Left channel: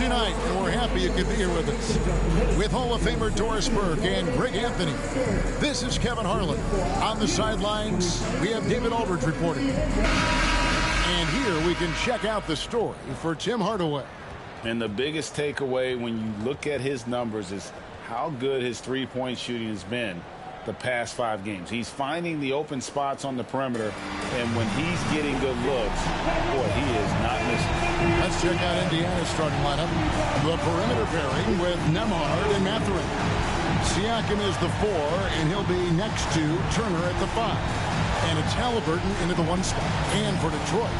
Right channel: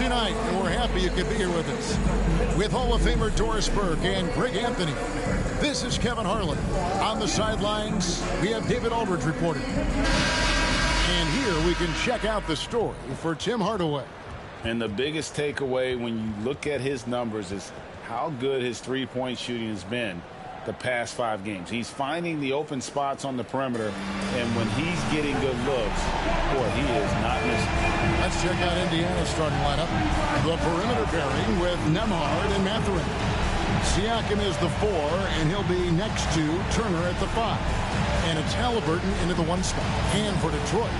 Tuesday night, and we're happy you could be here with us. With Hall of Famer Doris Burke and Greg Anthony, this is Kevin Harlan. On the sidelines, we have David Aldridge reporting. And here we can check out the story for Tim Hardaway. And the biggest takeaway when you look at his numbers is how good his three-point shooting has been the past 5 games. He's finding the open spots on the perimeter, and when he's getting good looks, boy, he is not missing. Let's check out Indiana's starting lineup. The perimeter pairing with Nembhard and Mathurin. Siakam is the 4, and he'll be next to Turner at the 5. And it's Halliburton into the 1 spot. And for Detroit,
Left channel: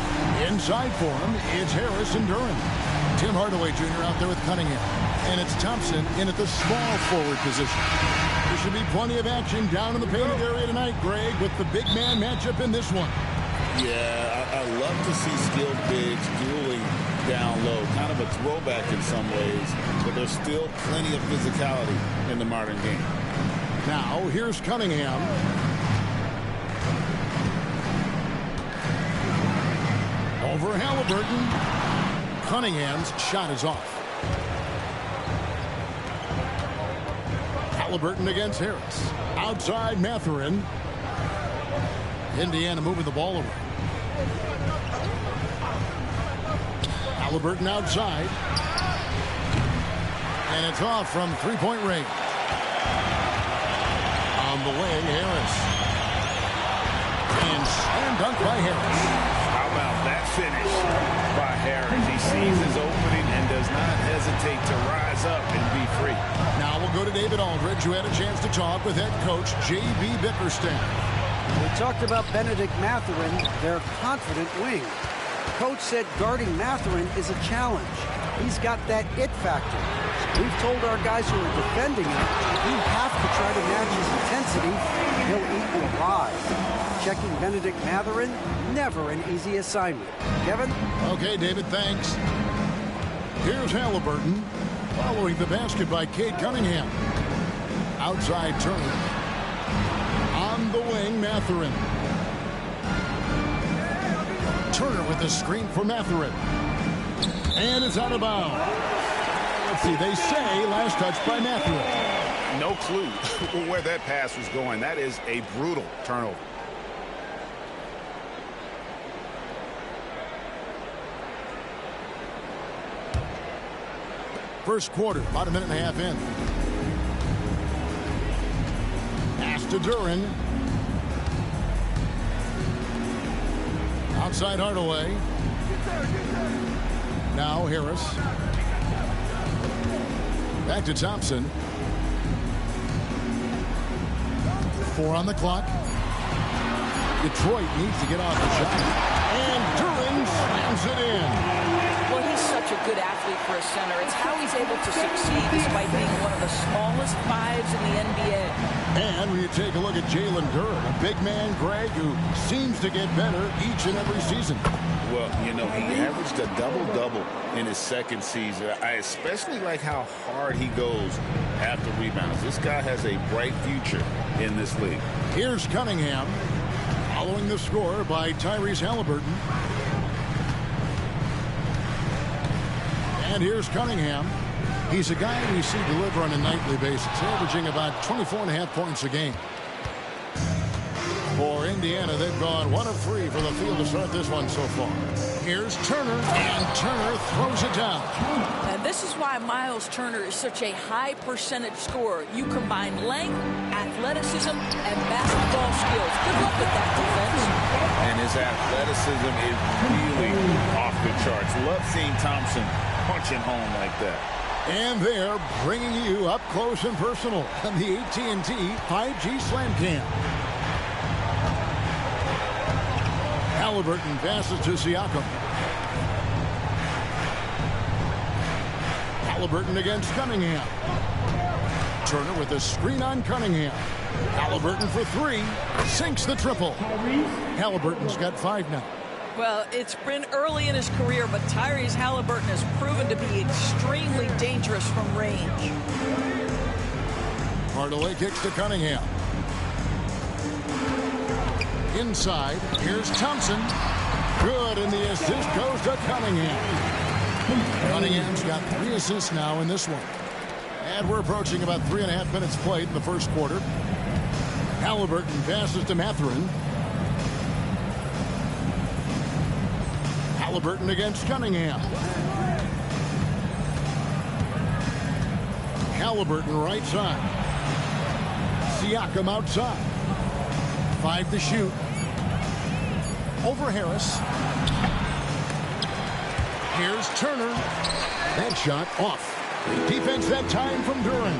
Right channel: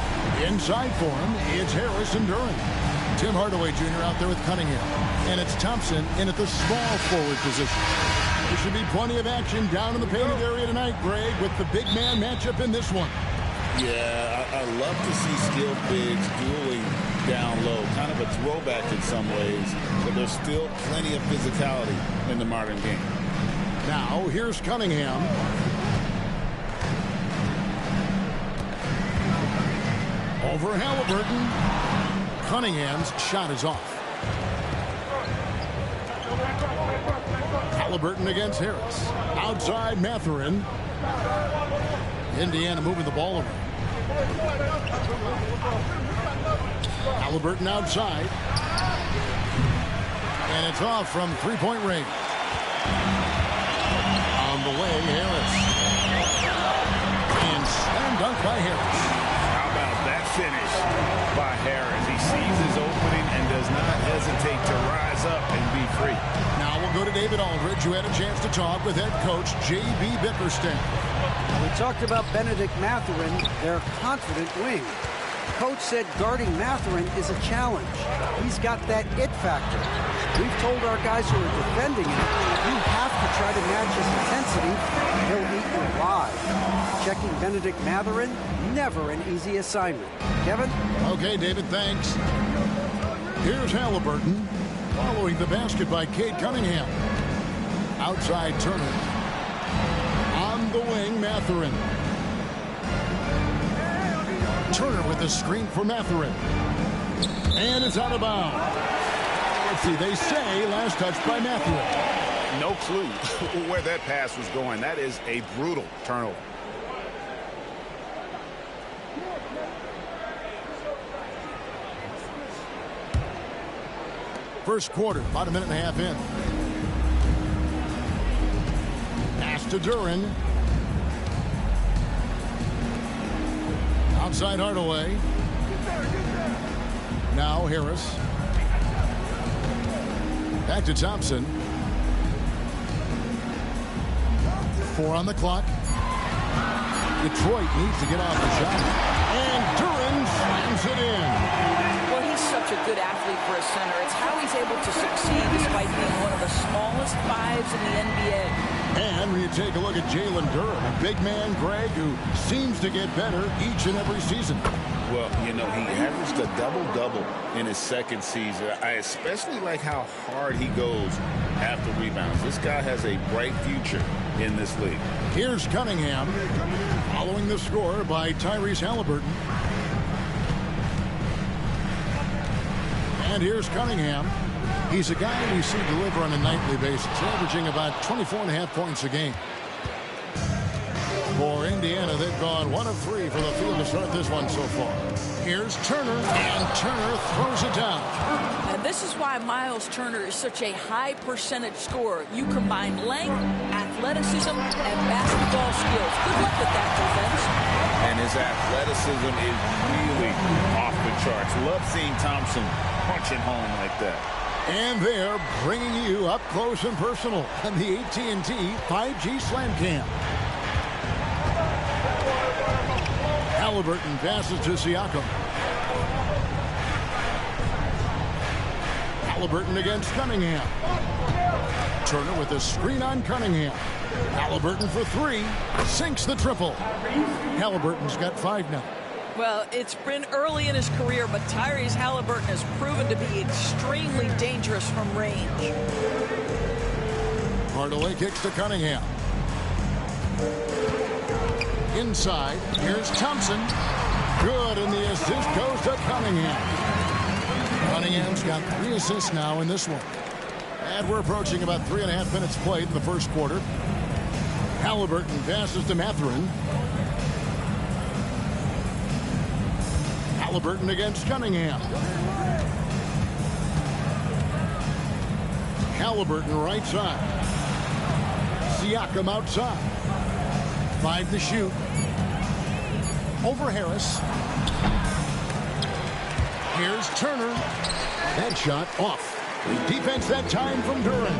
inside for him, it's Harris and Duren. Tim Hardaway Jr. out there with Cunningham. And it's Thompson in at the small forward position. There should be plenty of action down in the painted area tonight, Greg, with the big man matchup in this one. Yeah, I love to see skilled bigs dueling down low. Kind of a throwback in some ways, but there's still plenty of physicality in the modern game. Now, here's Cunningham. Over Halliburton. Cunningham's shot is off. Halliburton against Harris. Outside Mathurin. Indiana moving the ball around. Halliburton outside. And it's off from three-point range. On the way, Harris. And slam dunk by Harris. How about that finish by Harris? He sees his opening and does not hesitate to rise up and be free. Now we'll go to David Aldridge, who had a chance to talk with head coach J.B. Bickerstaff. We talked about Benedict Mathurin, their confident wing. Coach said guarding Mathurin is a challenge. He's got that it factor. We've told our guys who are defending him, you have to try to match his intensity. He'll eat you alive. Checking Benedict Mathurin, never an easy assignment. Kevin? Okay, David, thanks. Here's Halliburton, following the basket by Cade Cunningham. Outside Turner. On the wing, Mathurin. Turner with the screen for Mathurin. And it's out of bounds. Let's see, they say last touch by Mathurin. No clue where that pass was going. That is a brutal turnover. First quarter, about a minute and a half in. Pass to Duren. Outside Hardaway. Now Harris. Back to Thompson. 4 on the clock. Detroit needs to get off the shot. And Duren slams it in. Well, he's such a good athlete for a center. It's how he's able to succeed despite being one of the smallest 5s in the NBA. And when you take a look at Jalen Duren, a big man, Greg, who seems to get better each and every season. Well, you know, he averaged a double-double in his second season. I especially like how hard he goes after rebounds. This guy has a bright future in this league. Here's Cunningham, following the score by Tyrese Halliburton. And here's Cunningham. He's a guy we see deliver on a nightly basis, averaging about 24.5 points a game. For Indiana, they've gone 1 of 3 for the field to start this one so far. Here's Turner, and Turner throws it down. And this is why Miles Turner is such a high percentage scorer. You combine length, athleticism, and basketball skills. Good luck with that defense. And his athleticism is really off the charts. Love seeing Thompson punching home like that. And they're bringing you up close and personal on the AT&T 5G Slam Cam. Halliburton passes to Siakam. Halliburton against Cunningham. Turner with a screen on Cunningham. Halliburton for 3. Sinks the triple. Halliburton's got 5 now. Well, it's been early in his career, but Tyrese Halliburton has proven to be extremely dangerous from range. Hardaway kicks to Cunningham. Inside, here's Thompson. Good, and the assist goes to Cunningham. Cunningham's got 3 assists now in this one. And we're approaching about 3.5 minutes played in the first quarter. Halliburton passes to Mathurin. Halliburton against Cunningham. Halliburton right side. Siakam outside. 5 to shoot. Over Harris. Here's Turner. That shot off. Defense that time from Duran.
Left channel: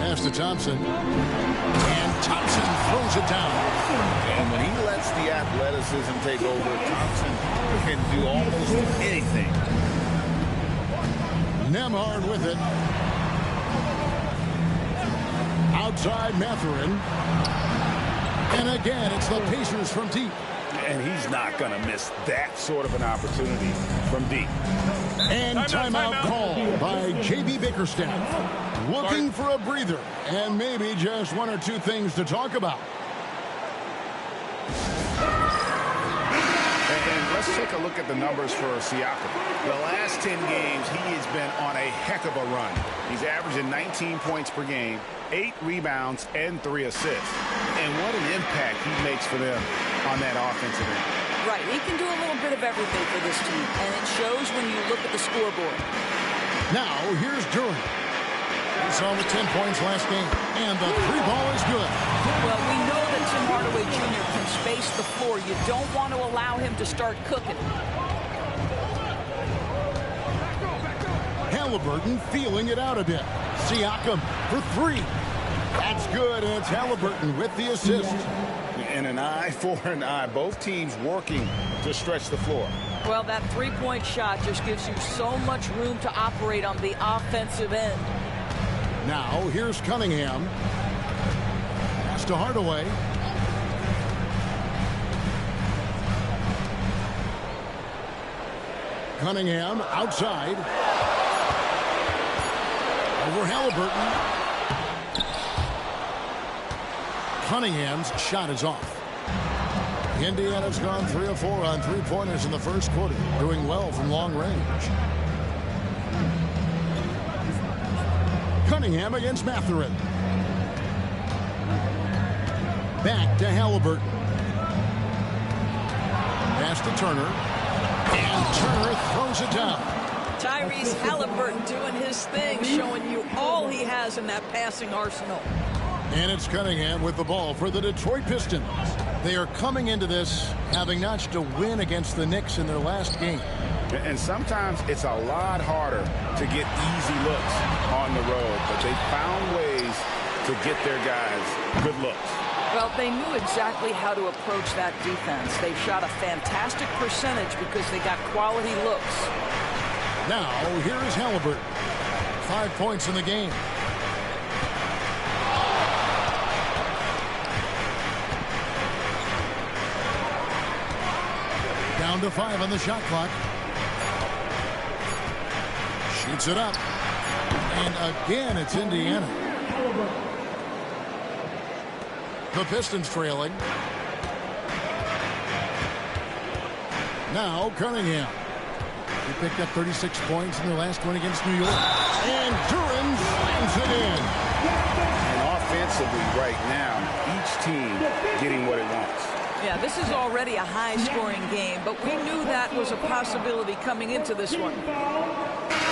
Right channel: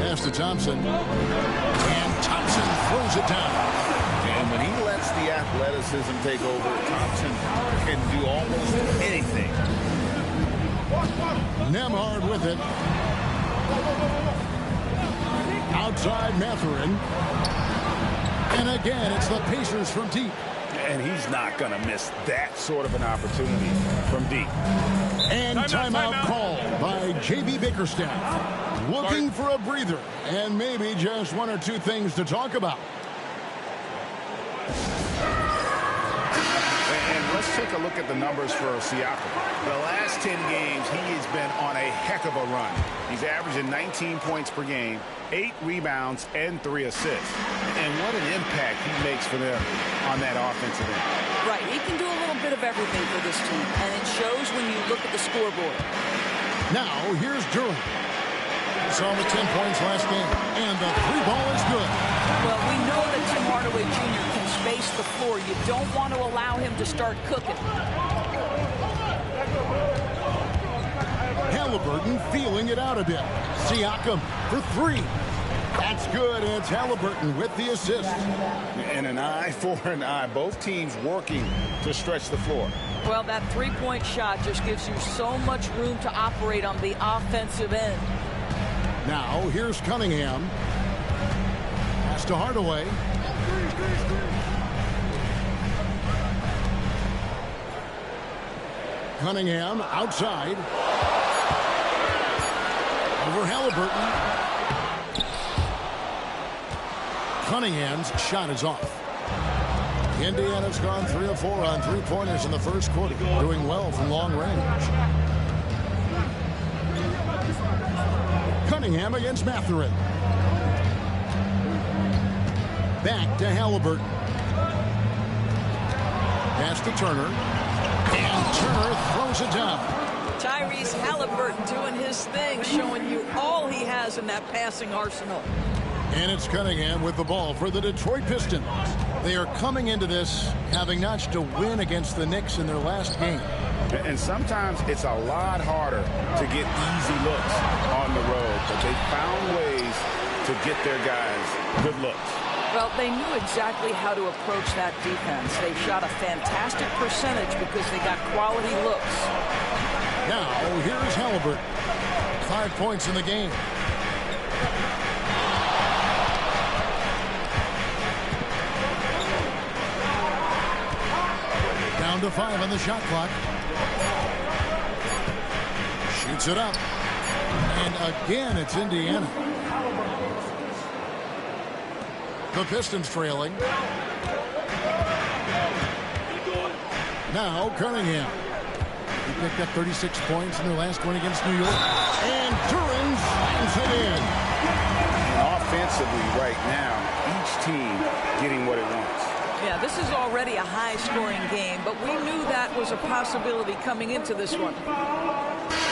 Pass to Thompson. And Thompson throws it down. And when he lets the athleticism take over, Thompson can do almost anything. Nembhard with it. Outside Mathurin. And again, it's the Pacers from deep. And he's not going to miss that sort of an opportunity from deep. And timeout called by J.B. Bickerstaff. Looking for a breather and maybe just 1 or 2 things to talk about. And let's take a look at the numbers for Siakam. The last 10 games, he has been on a heck of a run. He's averaging 19 points per game, 8 rebounds, and 3 assists. And what an impact he makes for them on that offensive end. Right, he can do a little bit of everything for this team, and it shows when you look at the scoreboard. Now, here's Duran. He saw with 10 points last game, and the 3 ball is good. Well, we know that Tim Hardaway Jr. can space the floor. You don't want to allow him to start cooking. Halliburton feeling it out a bit. Siakam for 3. That's good, and it's Halliburton with the assist. And an eye for an eye. Both teams working to stretch the floor. Well, that 3-point shot just gives you so much room to operate on the offensive end. Now, here's Cunningham. Pass to Hardaway. Cunningham outside. Over Halliburton. Cunningham's shot is off. Indiana's gone 3 of 4 on 3-pointers in the first quarter, doing well from long range. Cunningham against Mathurin. Back to Halliburton. Pass to Turner. And Turner throws it down. Tyrese Halliburton doing his thing, showing you all he has in that passing arsenal. And it's Cunningham with the ball for the Detroit Pistons. They are coming into this having notched a win against the Knicks in their last game. And sometimes it's a lot harder to get easy looks on the road, but they found ways to get their guys good looks. Well, they knew exactly how to approach that defense. They shot a fantastic percentage because they got quality looks. Now, here is Halliburton. 5 points in the game. Down to 5 on the shot clock. Shoots it up. And again, it's Indiana. The Pistons trailing. Now Cunningham. He picked up 36 points in their last one against New York. And Duran slams it in. And offensively right now, each team getting what it wants. Yeah, this is already a high-scoring game, but we knew that was a possibility coming into this one.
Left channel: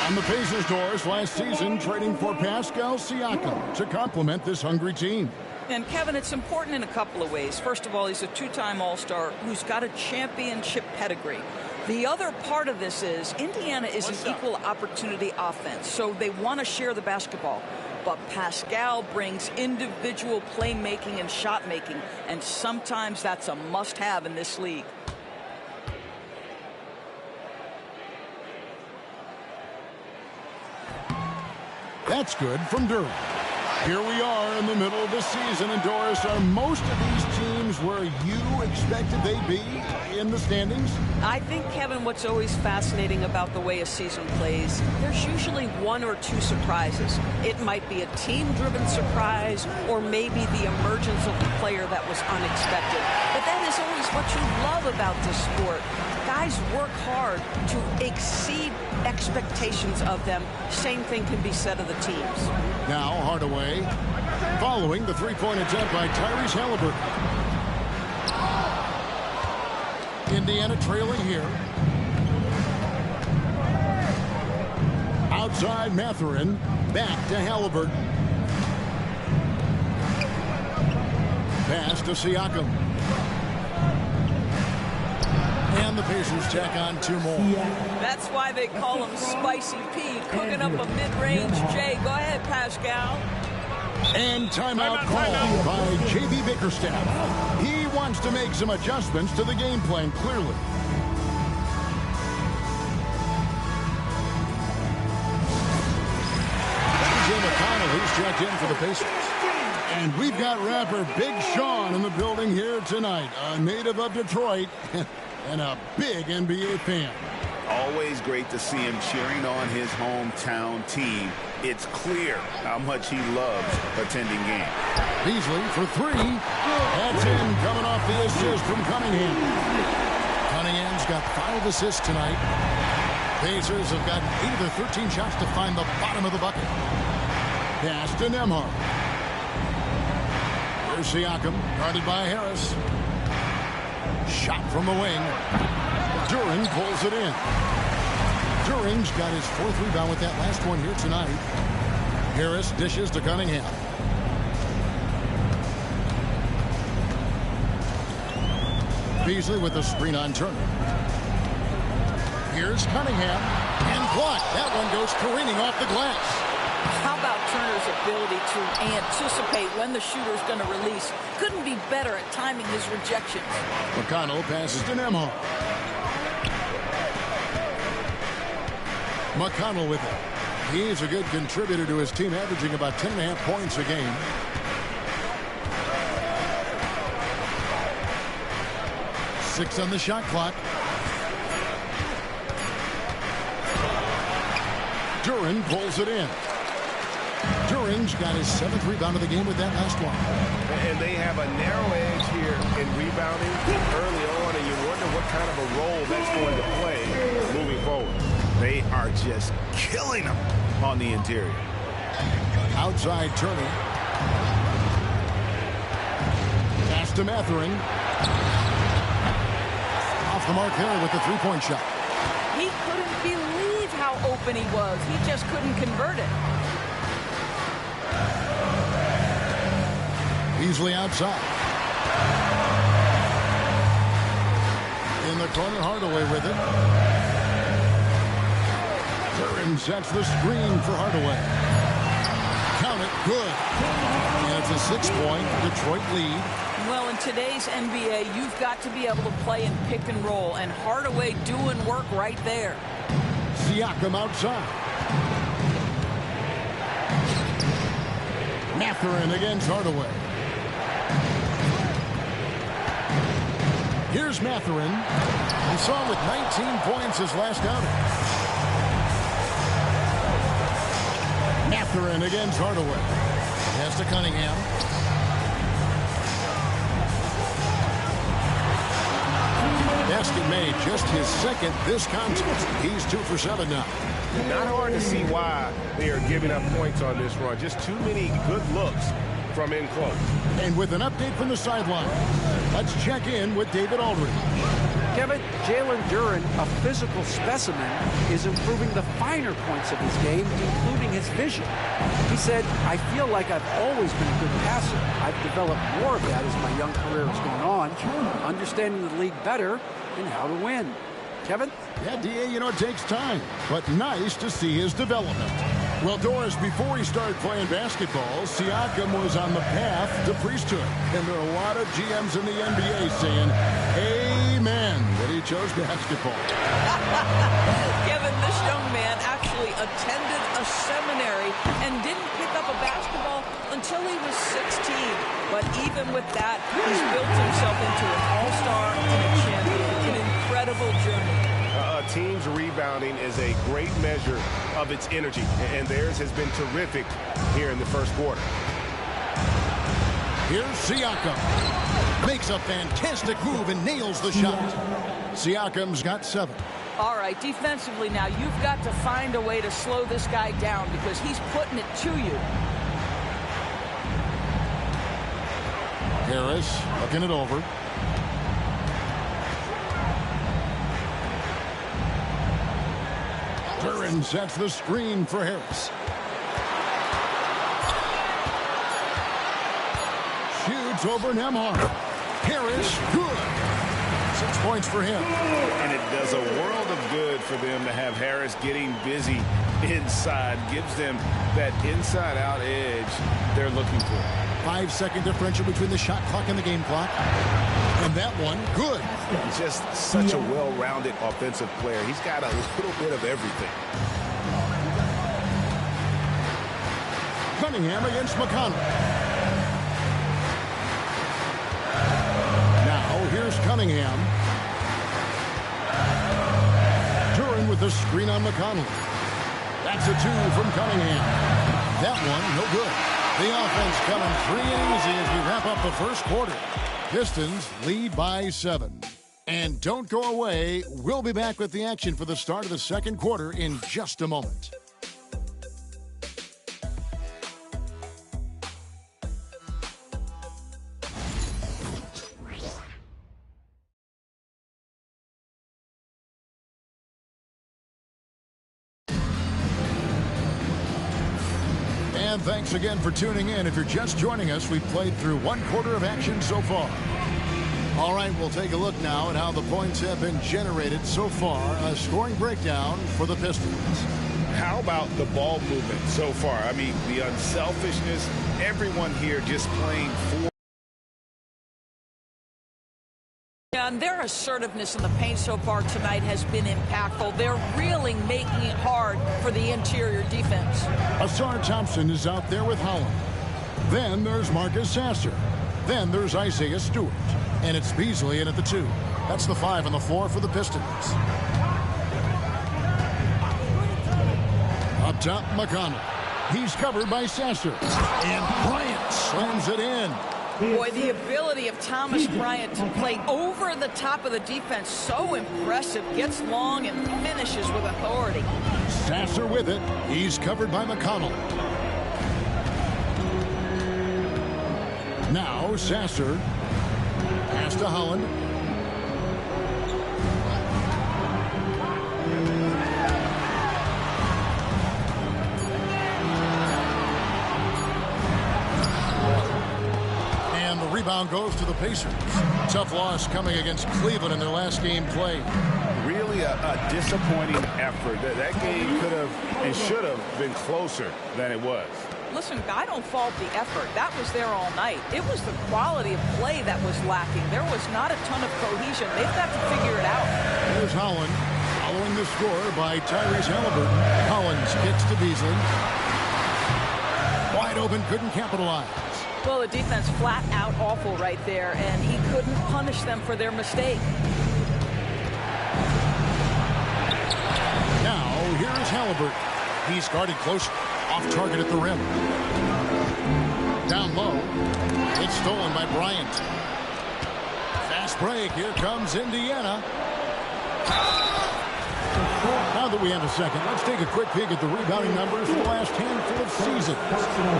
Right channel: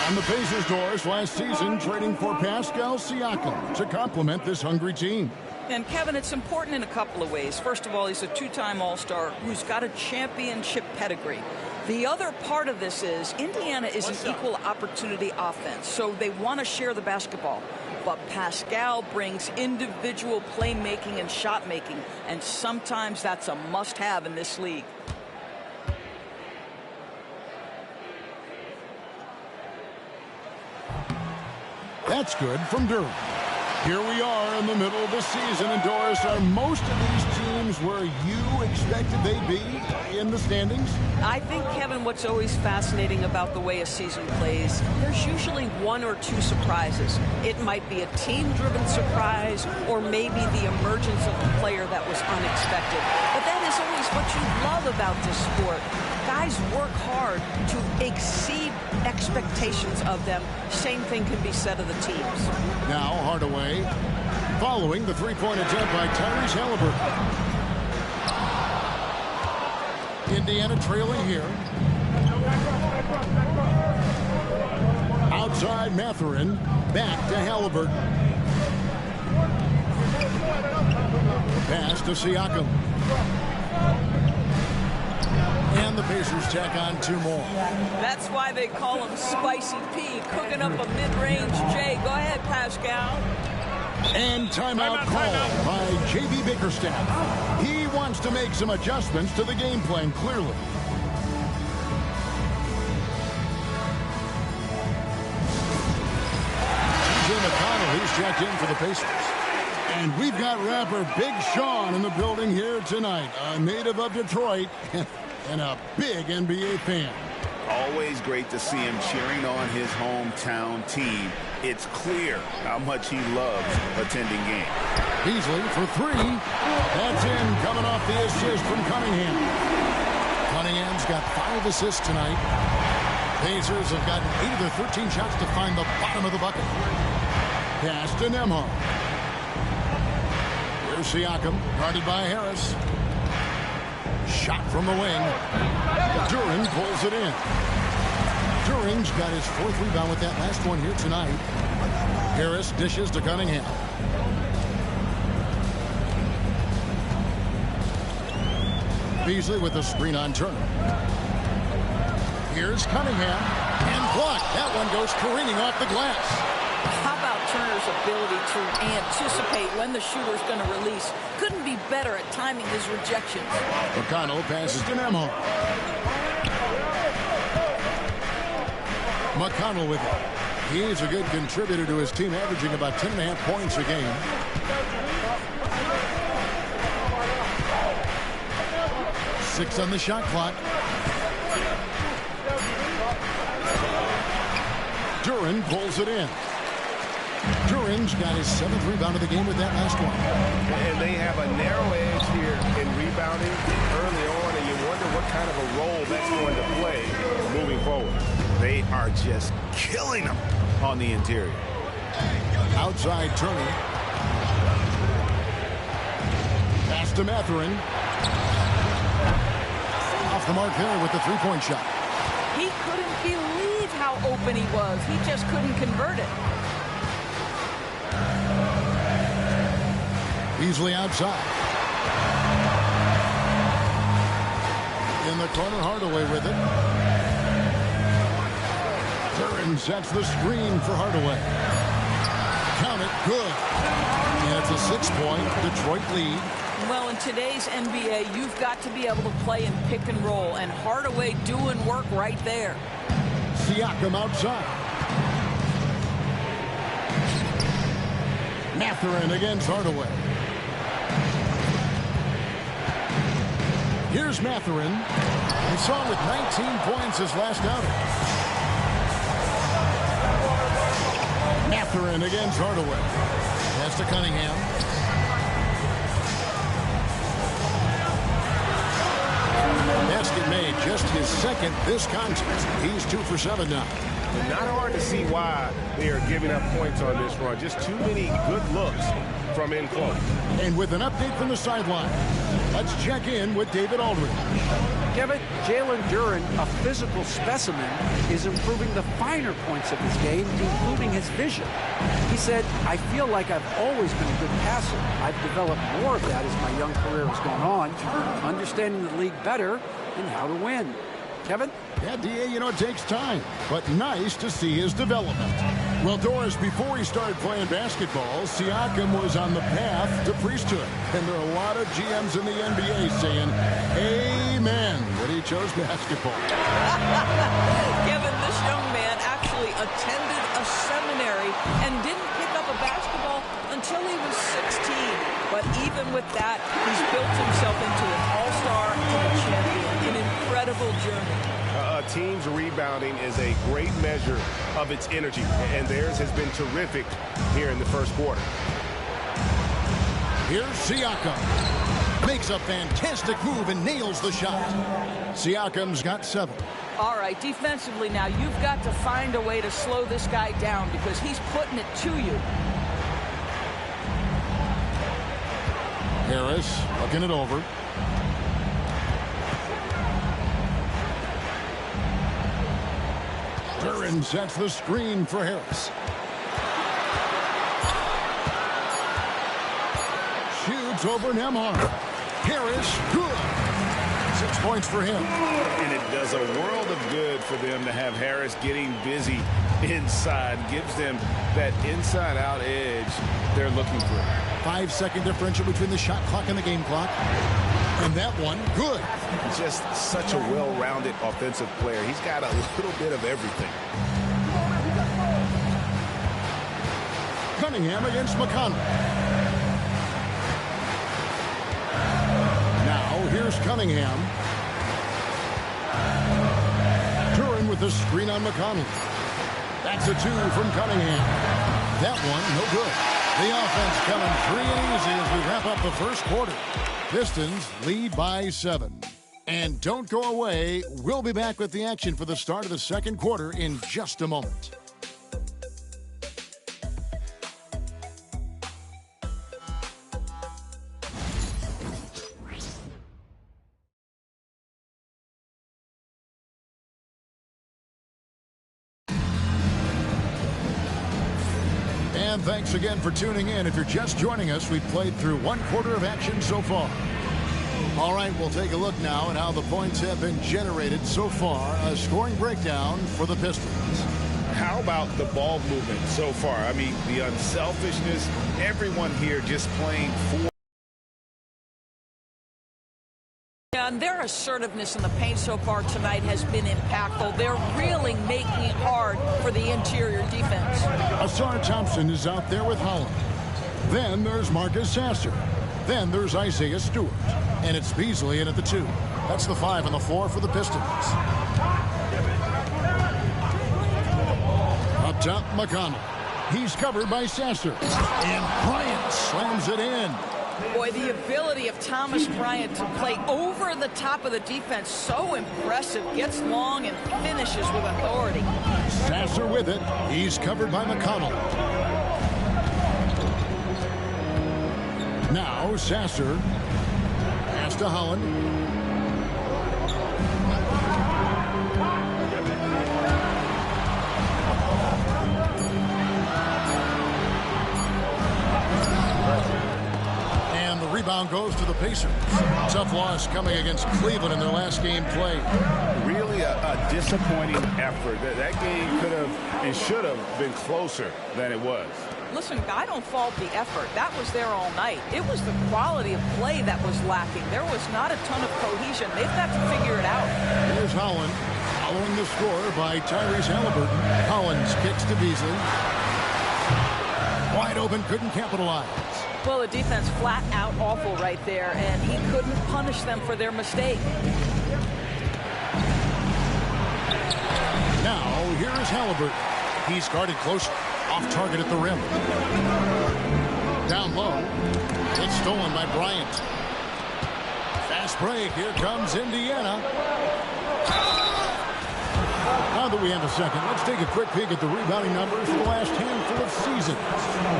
On the Pacers' doors last season, trading for Pascal Siakam to complement this hungry team. And, Kevin, it's important in a couple of ways. First of all, he's a 2-time All-Star who's got a championship pedigree. The other part of this is Indiana is an equal opportunity offense, so they want to share the basketball. But Pascal brings individual playmaking and shot making, and sometimes that's a must-have in this league. That's good from Durham. Here we are in the middle of the season, and Doris, are most of these teams where you expected they'd be in the standings? I think, Kevin, what's always fascinating about the way a season plays, there's usually 1 or 2 surprises. It might be a team-driven surprise, or maybe the emergence of a player that was unexpected. But that is always what you love about this sport. guys work hard to exceed expectations of them. Same thing can be said of the teams. Now Hardaway following the three-point attempt by Tyrese Halliburton. Indiana trailing here. Outside Mathurin, back to Halliburton. Pass to Siakam. And the Pacers tack on 2 more. That's why they call him Spicy P, cooking up a mid-range J. Go ahead, Pascal. And timeout called by J.B. Bickerstaff. He wants to make some adjustments to the game plan, clearly. T.J. McConnell, he's checked in for the Pacers. And we've got rapper Big Sean in the building here tonight, a native of Detroit and a big NBA fan. Always great to see him cheering on his hometown team. It's clear how much he loves attending games. Beasley for 3. That's in, coming off the assist from Cunningham. Cunningham's got 5 assists tonight. Pacers have gotten 8 of their 13 shots to find the bottom of the bucket. Pass to Nembhard. Here's Siakam, guarded by Harris. Shot from the wing. Duren pulls it in. Duren's got his 4th rebound with that last one here tonight. Harris dishes to Cunningham. Beasley with the screen on Turner. Here's Cunningham. And blocked. That one goes careening off the glass. How about Turner's ability to anticipate when the shooter's going to release? Couldn't be better at timing his rejections. McConnell passes to Nembhard. McConnell with it. He's a good contributor to his team, averaging about 10.5 points a game. Six on the shot clock. Duren pulls it in. Duren's got his 7th rebound of the game with that last one. And they have a narrow edge here in rebounding early on, and you wonder what kind of a role that's going to play moving forward. They are just killing them on the interior. Outside Turner. Pass to Mathurin. Off the mark there with the 3-point shot. He couldn't believe how open he was. He just couldn't convert it. Beasley outside. In the corner, Hardaway with it. Duren sets the screen for Hardaway. Count it, good. And it's a 6-point Detroit lead. Well, in today's NBA, you've got to be able to play in pick and roll, and Hardaway doing work right there. Siakam outside. Mathurin against Hardaway. Here's Mathurin. We saw him with 19 points his last outing. Mathurin against Hardaway. Pass to Cunningham. Basket made, just his 2nd this contest. He's 2 for 7 now. And not hard to see why they are giving up points on this run. Just too many good looks from in close. And with an update from the sideline, let's check in with David Aldridge. Kevin, Jalen Duren, a physical specimen, is improving the finer points of his game, including his vision. He said, I feel like I've always been a good passer. I've developed more of that as my young career has gone on, understanding the league better and how to win. Kevin? Yeah, D.A., you know, it takes time, but nice to see his development. Well, Doris, before he started playing basketball, Siakam was on the path to priesthood. And there are a lot of GMs in the NBA saying, amen, that he chose basketball. Kevin, this young man actually attended a seminary and didn't pick up a basketball until he was 16. But even with that, he's built himself into an all-star and a champion. An incredible journey. A team's rebounding is a great measure of its energy, and theirs has been terrific here in the first quarter. Here's Siakam. Makes a fantastic move and nails the shot. Siakam's got 7. All right, defensively now, you've got to find a way to slow this guy down because he's putting it to you. Harris looking it over. Duran sets the screen for Harris. Shoots over Nembhard. Harris, good. 6 points for him. And it does a world of good for them to have Harris getting busy inside. Gives them that inside-out edge they're looking for. 5-second differential between the shot clock and the game clock. And that one, good. Just such a well-rounded offensive player. He's got a little bit of everything. Cunningham against McConnell. Now, here's Cunningham. Duran with the screen on McConnell. That's a 2 from Cunningham. That one, no good. The offense coming free and easy as we wrap up the first quarter. Pistons lead by 7. And don't go away. We'll be back with the action for the start of the second quarter in just a moment. And thanks again for tuning in. If you're just joining us, we've played through 1 quarter of action so far. All right, we'll take a look now at how the points have been generated so far. A scoring breakdown for the Pistons. How about the ball movement so far? I mean, the unselfishness, everyone here just playing for. And their assertiveness in the paint so far tonight has been impactful. They're really making it hard for the interior defense. Asar Thompson is out there with Holland. Then there's Marcus Sasser. Then there's Isaiah Stewart. And it's Beasley in at the 2. That's the 5 and the 4 for the Pistons. Up top, McConnell. He's covered by Sasser. And Bryant slams it in. Boy, the ability of Thomas Bryant to play over the top of the defense, so impressive. Gets long and finishes with authority. Sasser with it. He's covered by McConnell. Now Sasser. Pass to Holland. And the rebound goes to the Pacers. Tough loss coming against Cleveland in their last game played. Really a disappointing effort. That game could have and should have been closer than it was. Listen, I don't fault the effort. That was there all night. It was the quality of play that was lacking. There was not a ton of cohesion. They've got to figure it out. Here's Holland following the score by Tyrese Halliburton. Collins kicks to Beasley. Wide open, couldn't capitalize. Well, the defense flat out awful right there, and he couldn't punish them for their mistake. Now, here is Halliburton. He's guarded close, off target at the rim. Down low. It's stolen by Bryant. Fast break. Here comes Indiana. Now that we have a second, let's take a quick peek at the rebounding numbers for the last handful of seasons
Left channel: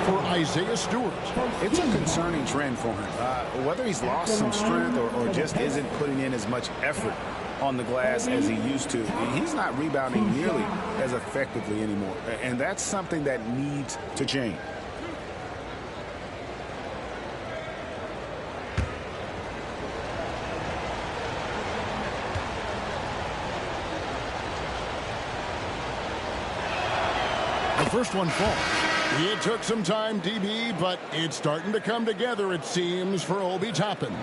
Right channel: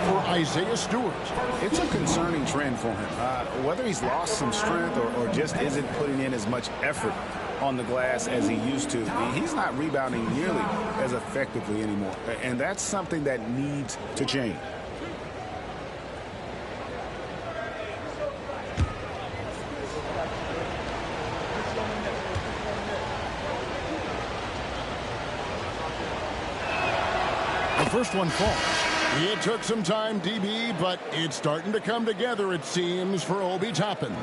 for Isaiah Stewart. It's a concerning trend for him. Whether he's lost some strength or just isn't putting in as much effort on the glass as he used to, he's not rebounding nearly as effectively anymore. And that's something that needs to change. The first one falls. It took some time, DB, but it's starting to come together, it seems, for Obi Toppin.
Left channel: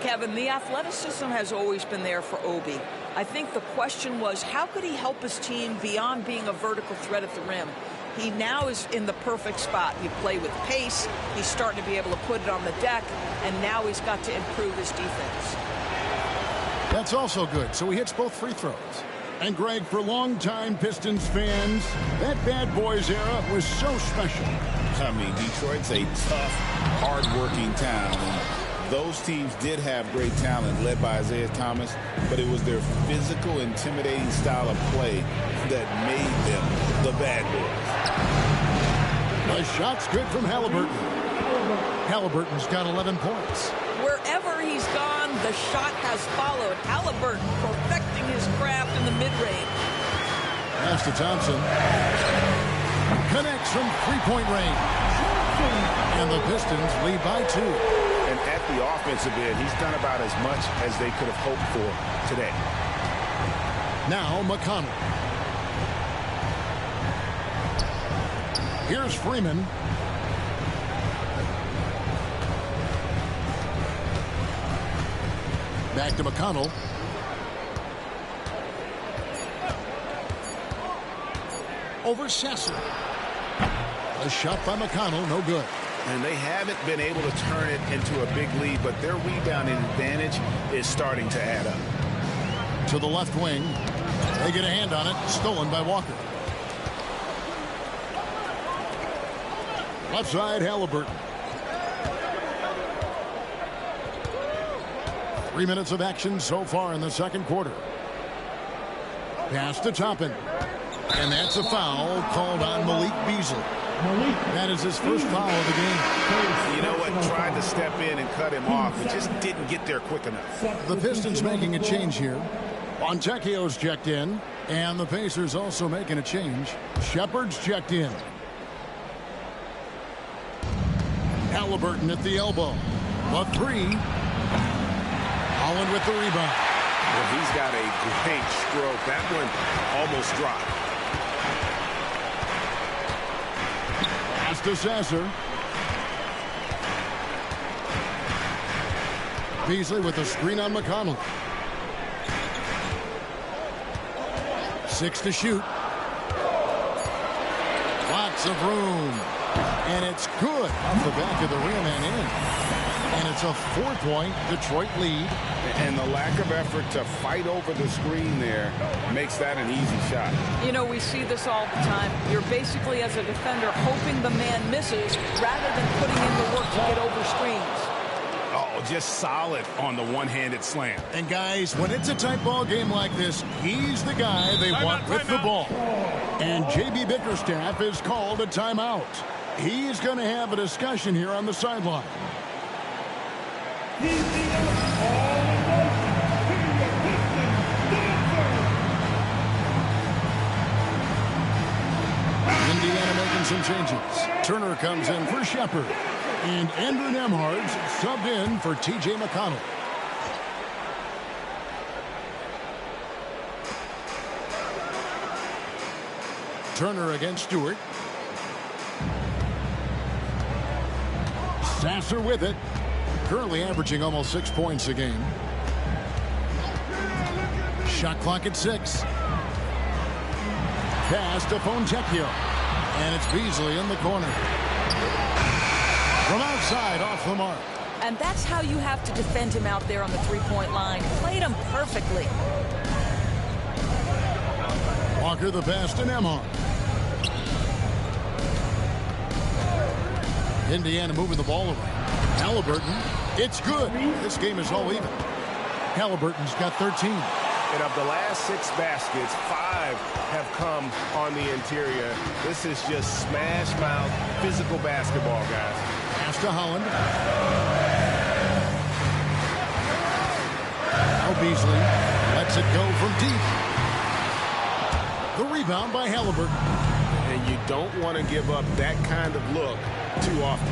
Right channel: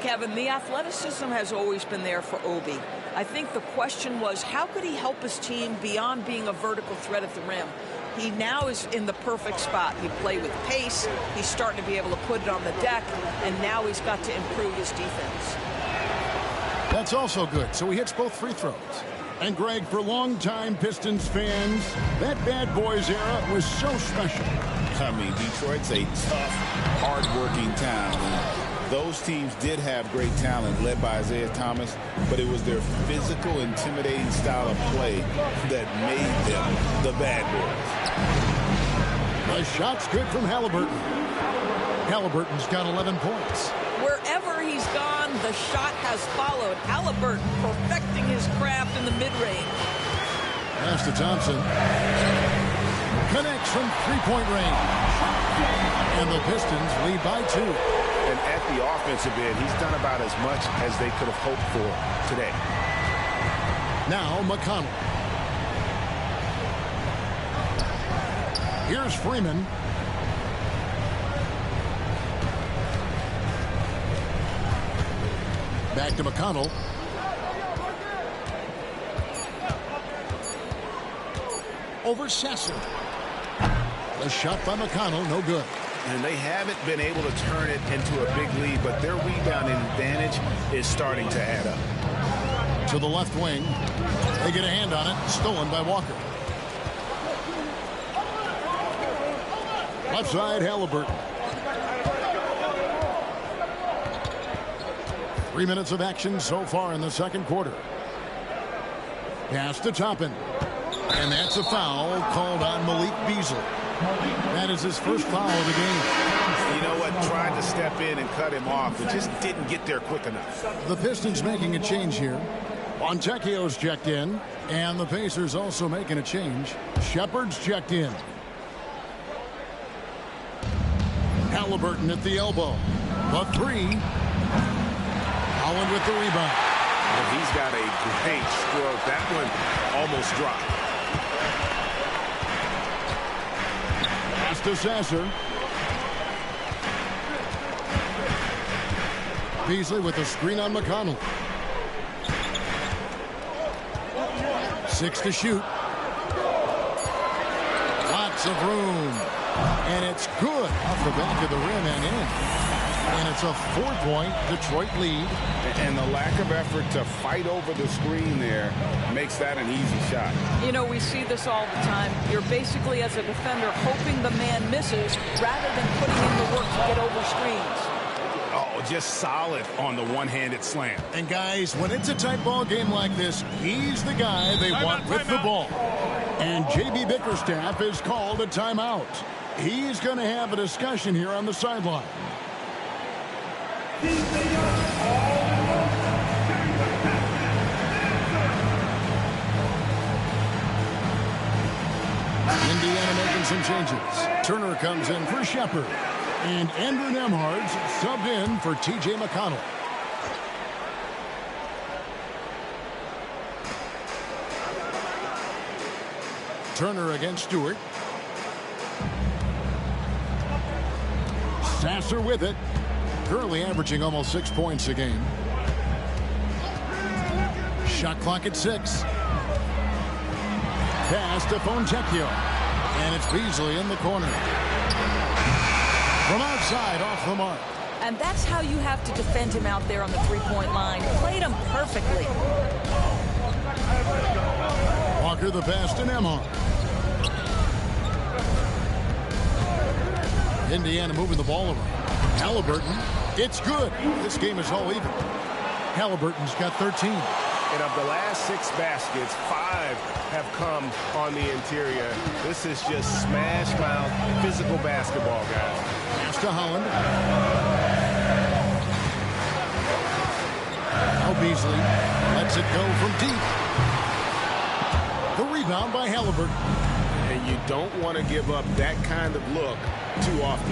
Kevin, the athleticism has always been there for Obi. I think the question was, how could he help his team beyond being a vertical threat at the rim? He now is in the perfect spot. He played with pace. He's starting to be able to put it on the deck, and now he's got to improve his defense. That's also good. So he hits both free throws. And, Greg, for longtime Pistons fans, that Bad Boys era was so special. I mean, Detroit's a tough, hard-working town. And those teams did have great talent led by Isaiah Thomas, but it was their physical, intimidating style of play that made them the bad boys. The shot's good from Halliburton. Halliburton's got 11 points. Wherever he's gone, the shot has followed. Halliburton perfecting his craft in the mid-range. Pass to Thompson. Connects from three-point range. And the Pistons lead by 2. And at the offensive end, he's done about as much as they could have hoped for today. Now McConnell. Here's Freeman. Back to McConnell. Over Sasser. A shot by McConnell, no good. And they haven't been able to turn it into a big lead, but their rebounding advantage is starting to add up. To the left wing. They get a hand on it. Stolen by Walker. Left side, Halliburton. 3 minutes of action so far in the second quarter. Pass to Toppin. And that's a foul called on Malik Beasley. That is his first foul of the game. You know what? Tried to step in and cut him off, but just didn't get there quick enough. The Pistons making a change here. Fontecchio's checked in. And the Pacers also making a change. Shepard's checked in. Halliburton at the elbow. The three. Holland with the rebound. Well, he's got a great stroke. That one almost dropped. Pass to Sasser. Beasley with a screen on McConnell. 6 to shoot. Lots of room. And it's good off the back of the rim and in. And it's a 4-point Detroit lead. And the lack of effort to fight over the screen there makes that an easy shot. You know, we see this all the time. You're basically, as a defender, hoping the man misses rather than putting in the work to get over screens. Oh, just solid on the one-handed slam. And guys, when it's a tight ball game like this, he's the guy they want with the ball. And J.B. Bickerstaff has called a timeout. He's going to have a discussion here on the sideline. Indiana making some changes. Turner comes in for Shepard. And Andrew Nembhard's subbed in for T.J. McConnell. Turner against Stewart. Sasser with it. Currently averaging almost 6 points a game. Shot clock at 6. Pass to Fontecchio. And it's Beasley in the corner. From outside, off the mark. And that's how you have to defend him out there on the three-point line. Played him perfectly. Walker the pass to Nembhard. Indiana moving the ball around. Halliburton, it's good. This game is all even. Halliburton's got 13. And of the last 6 baskets, 5 have come on the interior. This is just smash mouth physical basketball, guys. Pass to Holland. Now Beasley lets it go from deep. The rebound by Halliburton. And you don't want to give up that kind of look too often.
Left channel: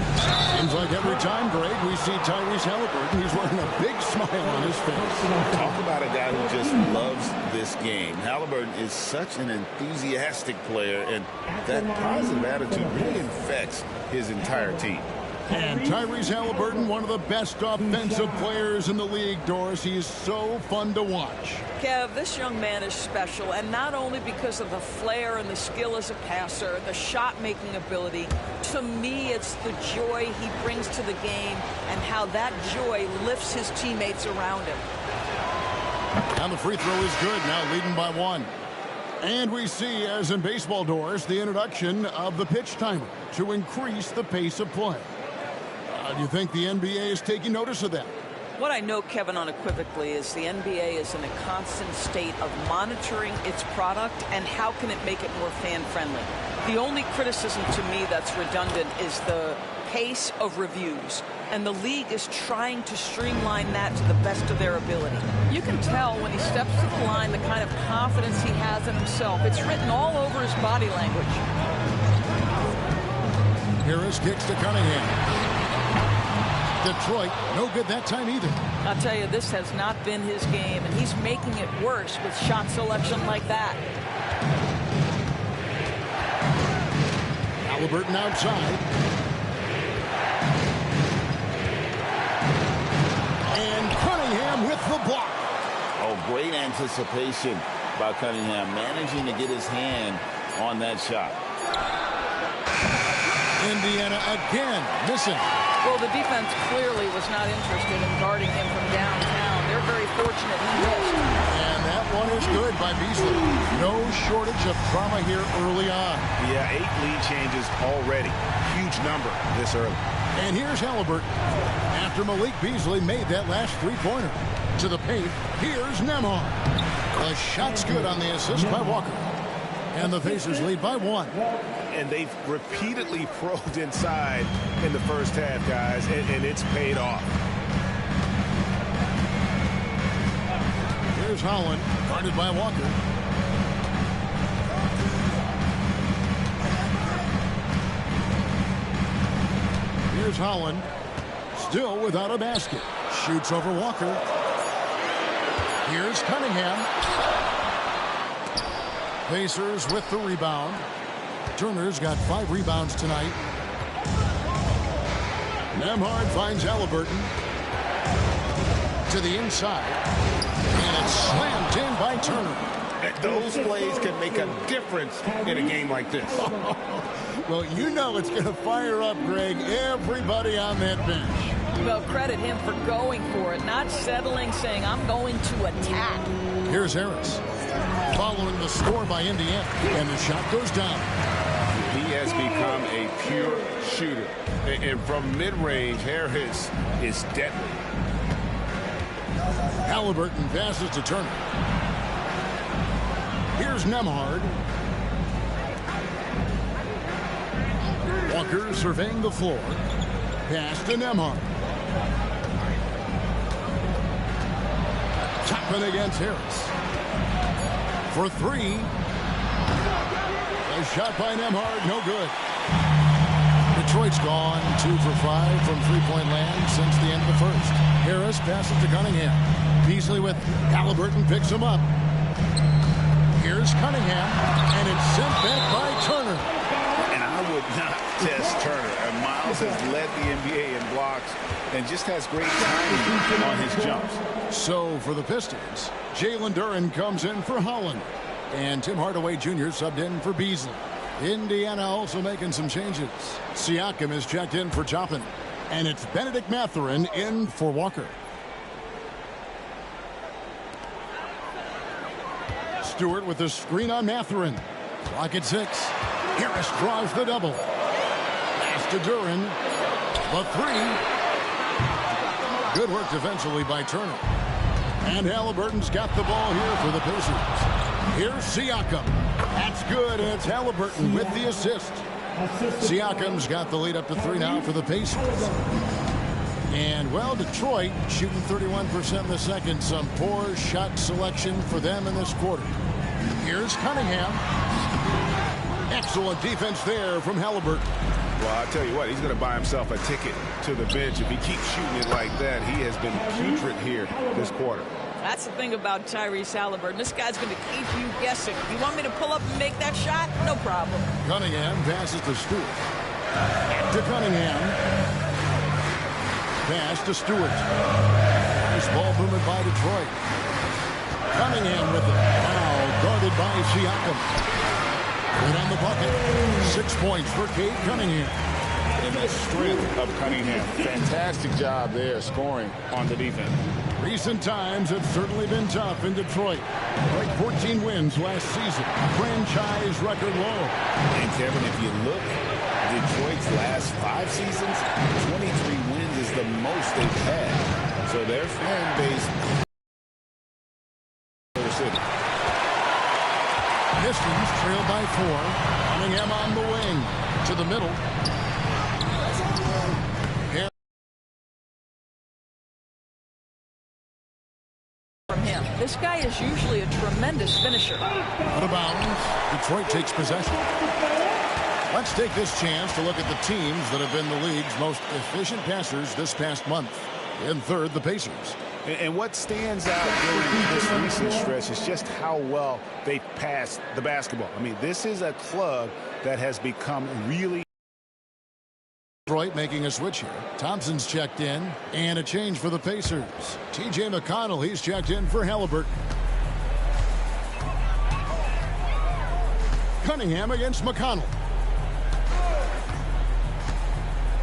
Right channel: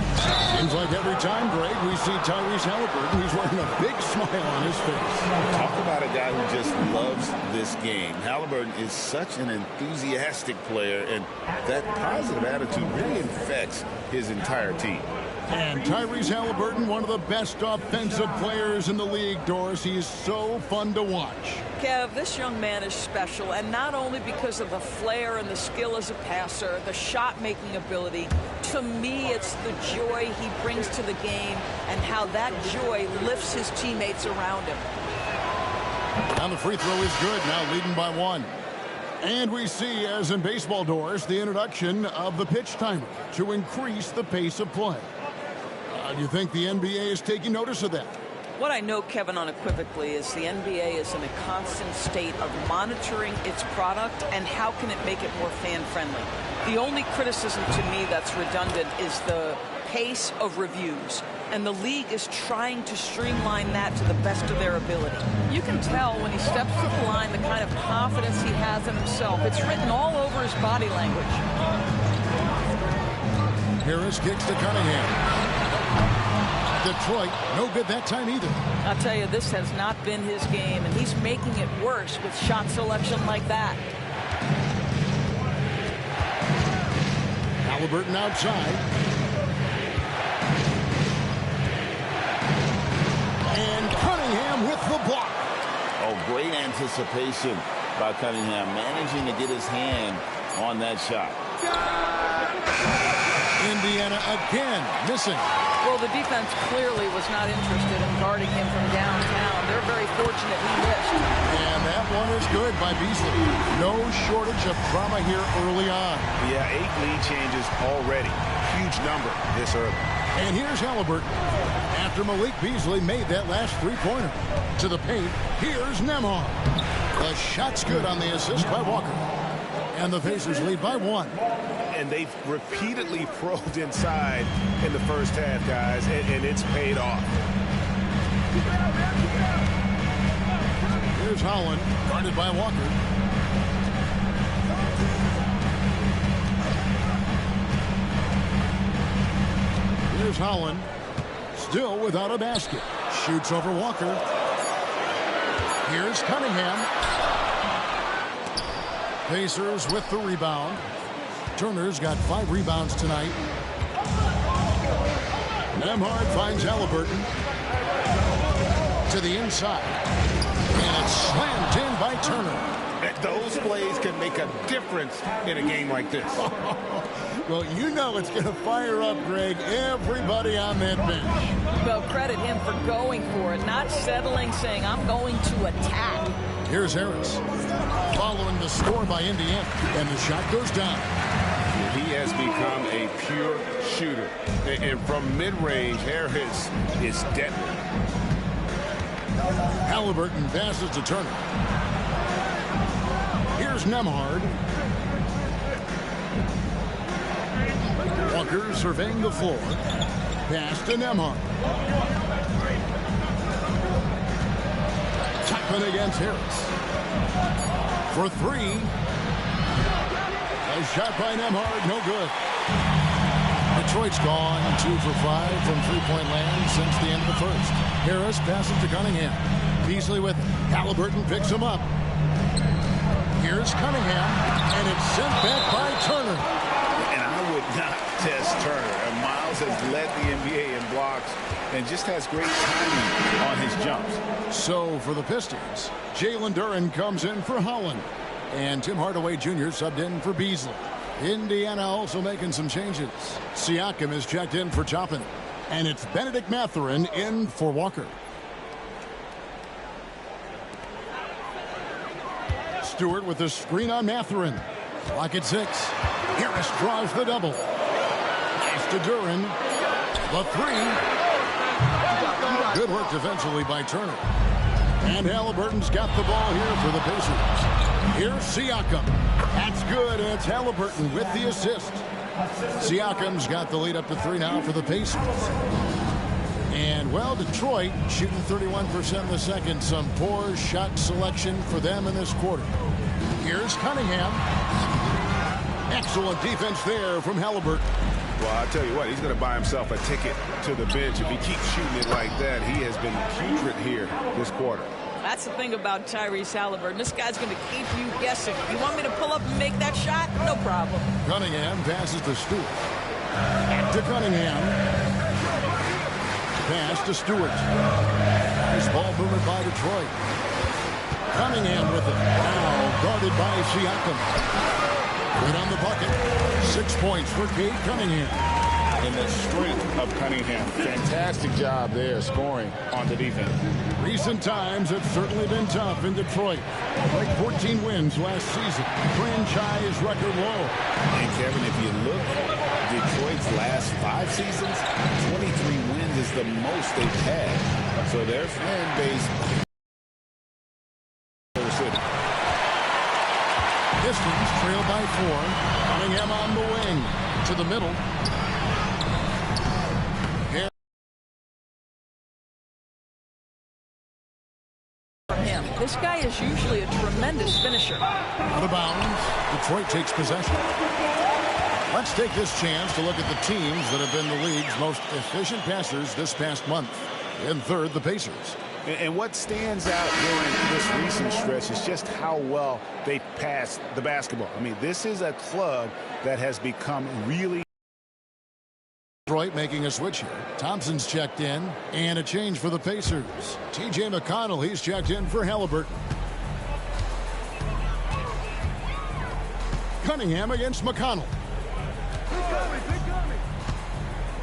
Seems like every time, Greg, we see Tyrese Halliburton, he's wearing a big smile on his face. Talk about a guy who just loves this game. Halliburton is such an enthusiastic player, and that positive attitude really infects his entire team. And Tyrese Halliburton, one of the best offensive players in the league, Doris. He is so fun to watch. Kev, this young man is special, and not only because of the flair and the skill as a passer, the shot-making ability. To me, it's the joy he brings to the game and how that joy lifts his teammates around him. And the free throw is good, now leading by 1. And we see, as in baseball, Doris, the introduction of the pitch timer to increase the pace of play. Do you think the NBA is taking notice of that? What I know, Kevin, unequivocally is the NBA is in a constant state of monitoring its product and how can it make it more fan-friendly. The only criticism to me that's redundant is the pace of reviews. And the league is trying to streamline that to the best of their ability. You can tell when he steps to the line the kind of confidence he has in himself. It's written all over his body language. Harris kicks to Cunningham. Detroit, no good that time either. I'll tell you, this has not been his game, and he's making it worse with shot selection like that. Halliburton outside. And Cunningham with the block. Oh, great anticipation by Cunningham, managing to get his hand on that shot. Indiana again missing. Well, the defense clearly was not interested in guarding him from downtown. They're very fortunate he missed. And that one is good by Beasley. No shortage of drama here early on. Yeah, 8 lead changes already. Huge number this early. And here's Halliburton. After Malik Beasley made that last three-pointer. To the paint, here's Nembhard. The shot's good on the assist by Walker. And the Pacers lead by 1. And they've repeatedly probed inside in the first half, guys, and it's paid off. Here's Holland, guarded by Walker. Here's Holland, still without a basket. Shoots over Walker. Here's Cunningham. Pacers with the rebound. Turner's got 5 rebounds tonight. Nembhard finds Halliburton. To the inside. And it's slammed in by Turner. Those plays can make a difference in a game like this. Well, you know it's going to fire up, Greg, everybody on that bench. Well, credit him for going for it, not settling, saying, I'm going to attack. Here's Harris, following the score by Indiana, and the shot goes down. He has become a pure shooter. And from mid-range, Harris is deadly. Halliburton passes to Turner. Here's Nembhard. Walker surveying the floor. Pass to Nembhard. Tapping against Harris. For 3. A shot by Nembhard, no good. Detroit's gone 2 for 5 from three-point land since the end of the first. Harris passes to Cunningham. Beasley with Halliburton picks him up. Here's Cunningham, and it's sent back by Turner. And I would not test Turner. And Miles has led the NBA in blocks and just has great timing on his jumps. So for the Pistons, Jalen Duren comes in for Holland. And Tim Hardaway Jr. subbed in for Beasley. Indiana also making some changes. Siakam is checked in for Toppin. And it's Benedict Mathurin in for Walker. Stewart with the screen on Mathurin. Clock at 6. Harris draws the double. Pass to Duren. The 3. Good work defensively by Turner. And Halliburton's got the ball here for the Pacers. Here's Siakam. That's good, and it's Halliburton with the assist. Siakam's got the lead up to 3 now for the Pacers. And, well, Detroit shooting 31% in the second. Some poor shot selection for them in this quarter. Here's Cunningham. Excellent defense there from Halliburton. Well, I'll tell you what, he's going to buy himself a ticket to the bench. If he keeps shooting it like that, he has been putrid here this quarter. That's the thing about Tyrese Halliburton. This guy's going to keep you guessing. You want me to pull up and make that shot? No problem. Cunningham passes to Stewart. Back to Cunningham. Pass to Stewart. Nice ball movement by Detroit. Cunningham with it. Now guarded by Siakam. Right on the bucket. 6 points for Cade Cunningham. And the strength of Cunningham. Fantastic job there scoring on the defense. Recent times have certainly been tough in Detroit. Like 14 wins last season. Franchise record low. And Kevin, if you look Detroit's last 5 seasons, 23 wins is the most they've had. So their fan base... City. Pistons trail by 4. Cunningham on the wing. To the middle. From him. This guy is usually a tremendous finisher. Out of bounds. Detroit takes possession. Let's take this chance to look at the teams that have been the league's most efficient passers this past month. In third, the Pacers. And what stands out during this recent stretch is just how well they pass the basketball. I mean, this is a club that has become really... Detroit making a switch here. Thompson's checked in, and a change for the Pacers. T.J. McConnell, he's checked in for Halliburton. Cunningham against McConnell.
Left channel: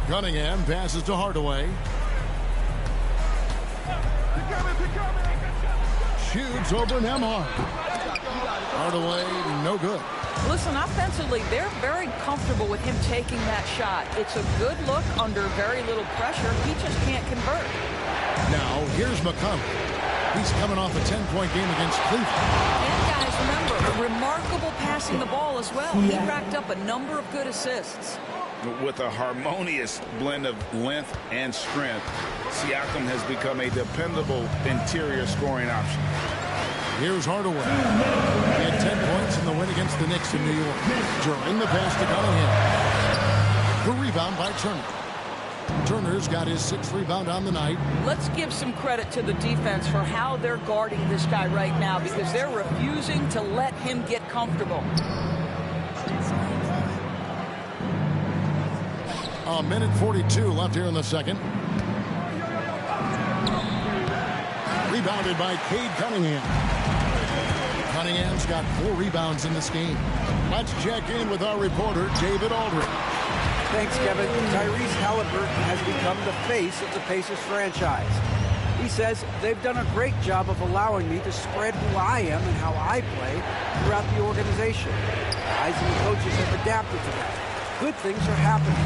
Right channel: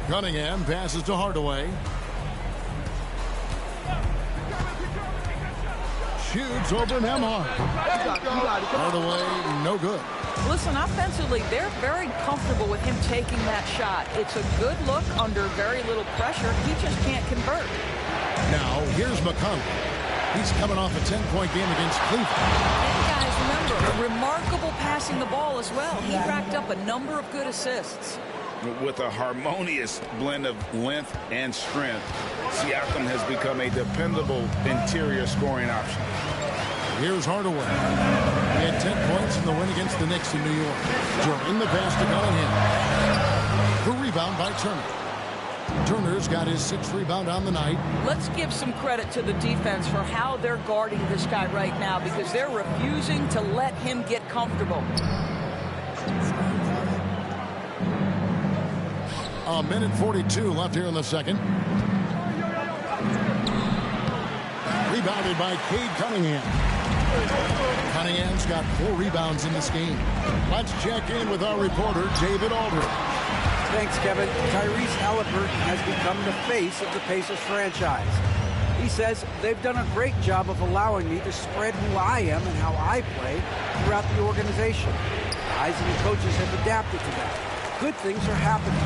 Cunningham passes to Hardaway. Shoots over Nembhard. Hardaway, no good. Listen, offensively, they're very comfortable with him taking that shot. It's a good look under very little pressure. He just can't convert. Now, here's McConnell. He's coming off a 10-point game against Cleveland. And guys, remember, remarkable passing the ball as well. He racked up a number of good assists. With a harmonious blend of length and strength, Siakam has become a dependable interior scoring option. Here's Hardaway. He had 10 points in the win against the Knicks in New York. During the pass to Cunningham. The rebound by Turner. Turner's got his 6th rebound on the night. Let's give some credit to the defense for how they're guarding this guy right now, because they're refusing to let him get comfortable. A minute 42 left here in the second. Rebounded by Cade Cunningham. Cunningham's got 4 rebounds in this game. Let's check in with our reporter, David Aldridge. Thanks, Kevin. Tyrese Halliburton has become the face of the Pacers franchise. He says they've done a great job of allowing me to spread who I am and how I play throughout the organization. Guys and the coaches have adapted to that. Good things are happening.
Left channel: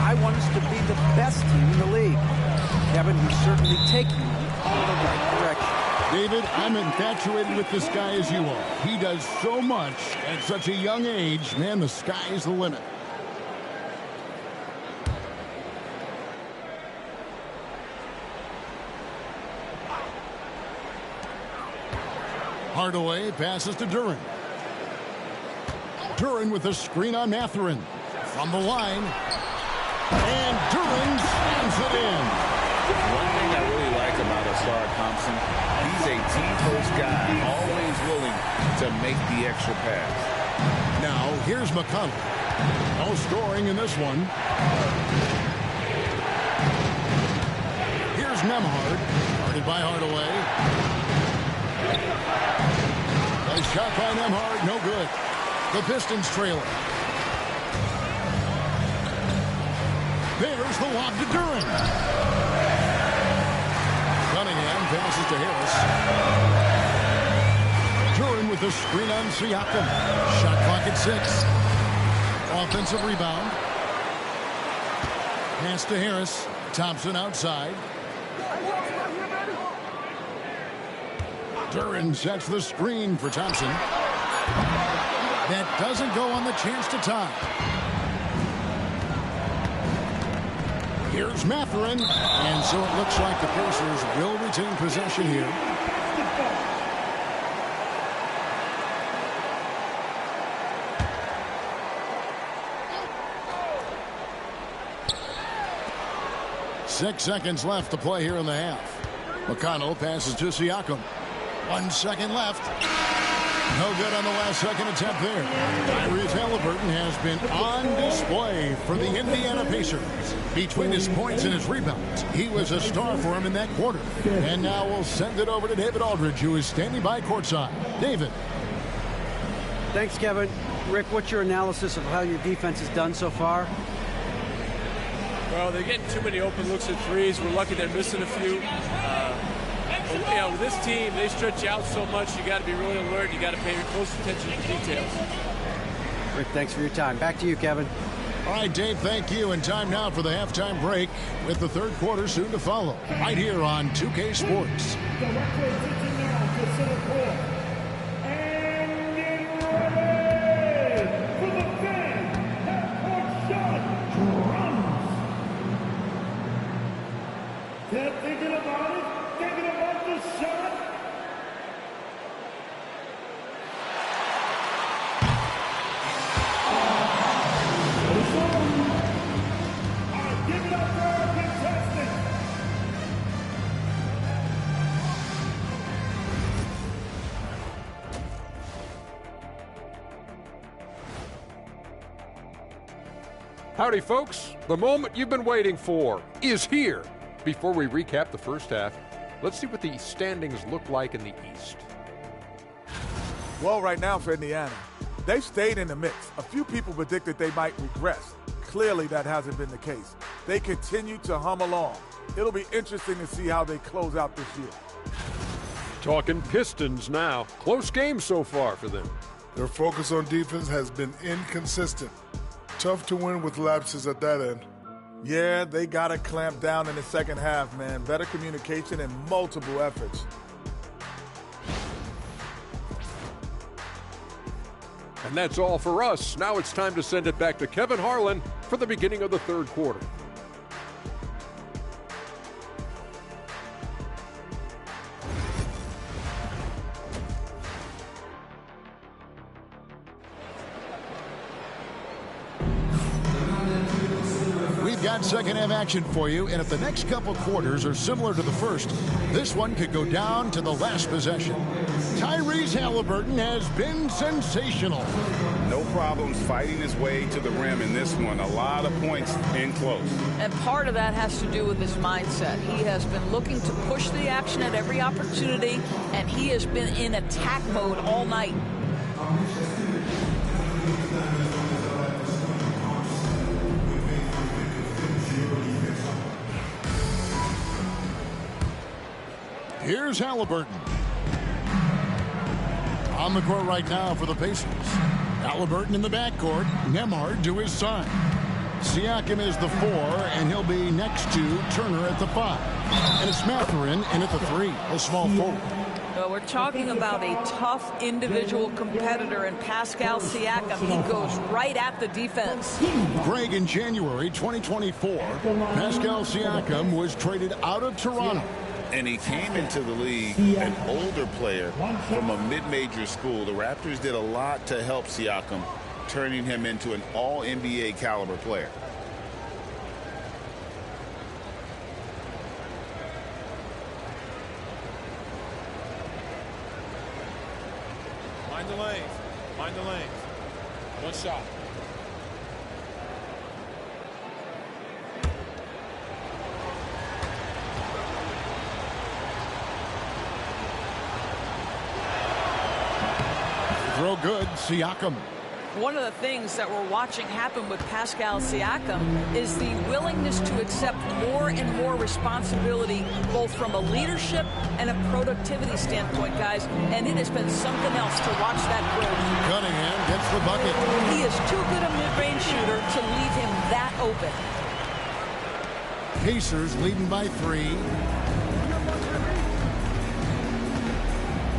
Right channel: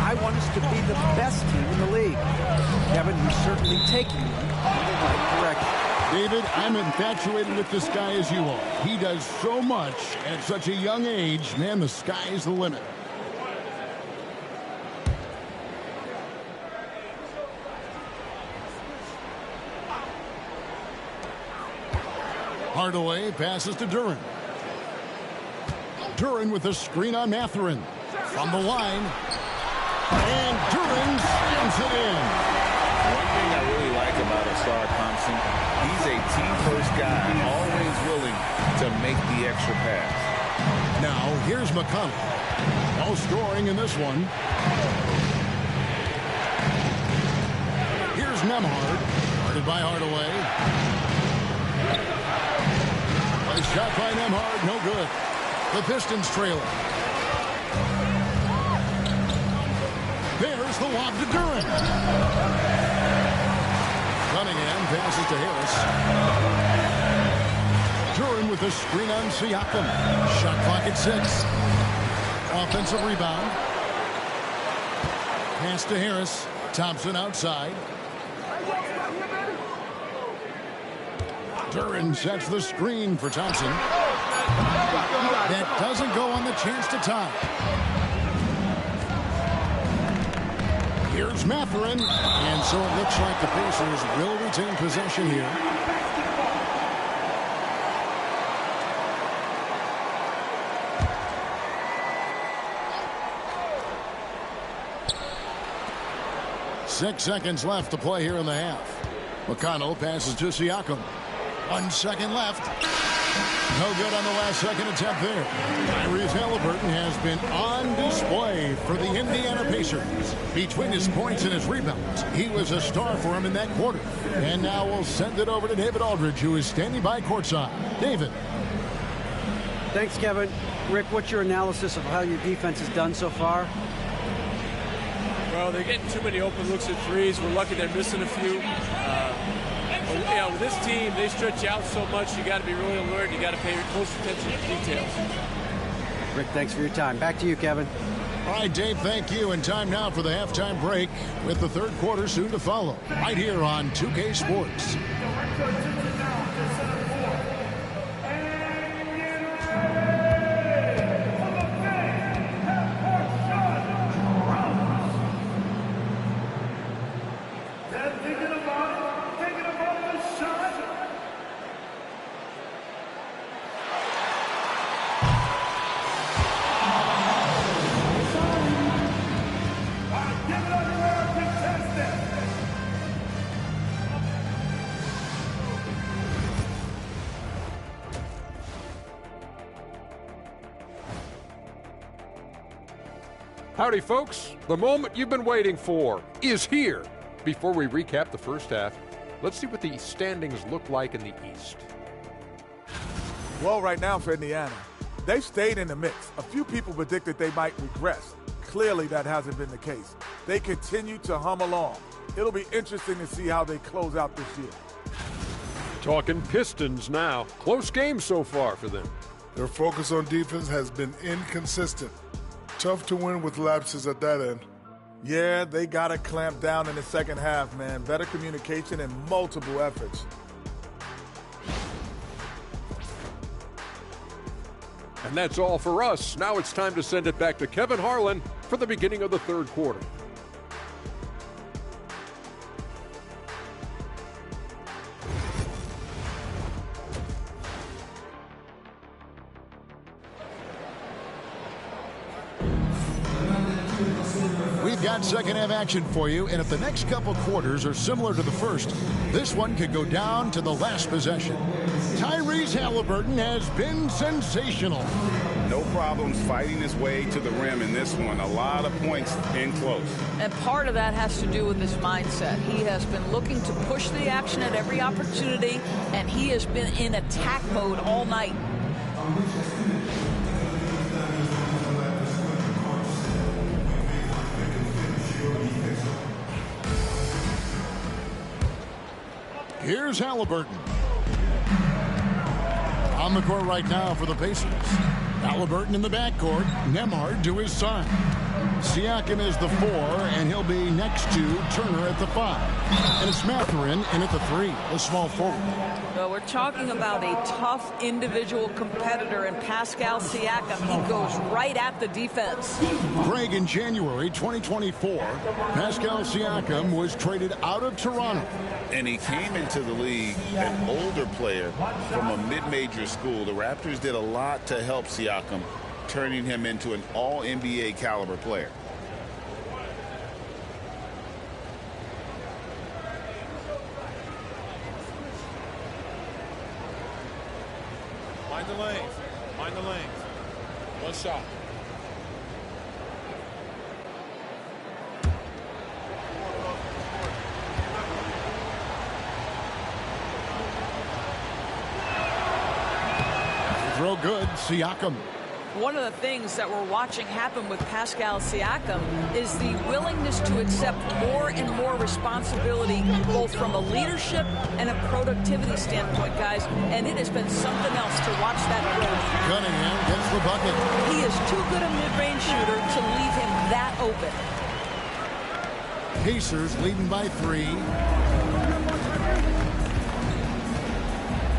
I want us to be the best team in the league. Kevin, he's certainly taking them in the right direction. David, I'm infatuated with this guy as you are. He does so much at such a young age. Man, the sky's the limit. Hardaway passes to Duren. Duren with a screen on Mathurin. From the line. And Duren slams it in. One thing I really like about Asar Thompson, he's a team-first guy, always willing to make the extra pass. Now, here's McConnell. No scoring in this one. Here's Nembhard. Guarded by Hardaway. A shot by Nembhard, no good. The Pistons trailing. There's the lob to Duren. Cunningham passes to Harris. Duren with a screen on Siakam. Shot clock at 6. Offensive rebound. Pass to Harris. Thompson outside. Duren sets the screen for Thompson. That doesn't go on the chance to tie. Here's Mathurin. And so it looks like the Pacers will retain possession here. Six seconds left to play here in the half. McConnell passes to Siakam. 1 second left. No good on the last second attempt there. Tyrese Halliburton has been on display for the Indiana Pacers. Between his points and his rebounds, he was a star for him in that quarter. And now we'll send it over to David Aldridge, who is standing by courtside. David. Thanks, Kevin. Rick, what's your analysis of how your defense has done so far? Well, they're getting too many open looks at threes. We're lucky they're missing a few. You know, with this team, they stretch you out so much, you got to be really alert. You got to pay close attention to details. Rick, thanks for your time. Back to you, Kevin. All right, Dave, thank you. And time now for the halftime break with the third quarter soon to follow. Right here on 2K Sports. Howdy, folks. The moment you've been waiting for is here. Before we recap the first half, let's see what the standings look like in the East. Well, right now for Indiana, they've stayed in the mix. A few people predicted they might regress. Clearly, that hasn't been the case. They continue to hum along. It'll be interesting to see how they close out this year. Talking Pistons now. Close game so far for them. Their focus on defense has been inconsistent. Tough to win with lapses at that end. Yeah, they got to clamp down in the second half, man. Better communication and multiple efforts. And that's all for us. Now it's time to send it back to Kevin Harlan for the beginning of the third quarter. We've got second half action for you, and if the next couple quarters are similar to the first, this one could go down to the last possession. Tyrese Halliburton has been sensational. No problems fighting his way to the rim in this one. A lot of points in close. And part of that has to do with his mindset. He has been looking to push the action at every opportunity, and he has been in attack mode all night. Here's Halliburton. On the court right now for the Pacers. Halliburton in the backcourt. Nembhard to his side. Siakam is the 4, and he'll be next to Turner at the 5. And it's Mathurin in at the 3, a small forward. Well, we're talking about a tough individual competitor in Pascal Siakam. He goes right at the defense. Greg, in January 2024, Pascal Siakam was traded out of Toronto. And he came into the league an older player from a mid-major school. The Raptors did a lot to help Siakam, turning him into an all-NBA caliber player. Mind the lanes. Mind the lanes. One shot. Throw good, Siakam. One of the things that we're watching happen with Pascal Siakam is the willingness to accept more and more responsibility, both from a leadership and a productivity standpoint, guys. And it has been something else to watch that growth. Cunningham gets the bucket. He is too good a mid-range shooter to leave him that open. Pacers leading by 3.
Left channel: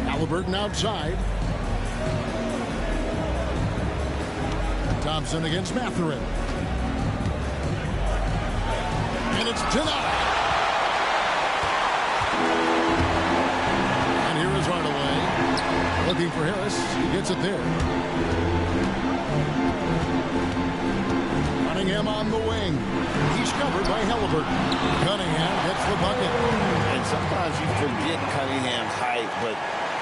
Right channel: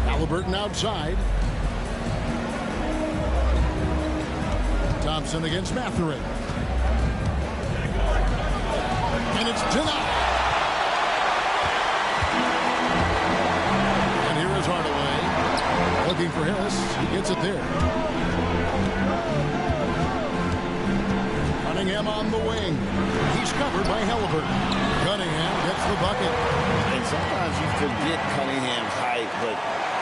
Halliburton outside. Thompson against Mathurin. And it's denied. And here is Hardaway. Looking for Harris. He gets it there. Cunningham on the wing. He's covered by Halliburton. Cunningham gets the bucket. And sometimes you forget Cunningham's height, but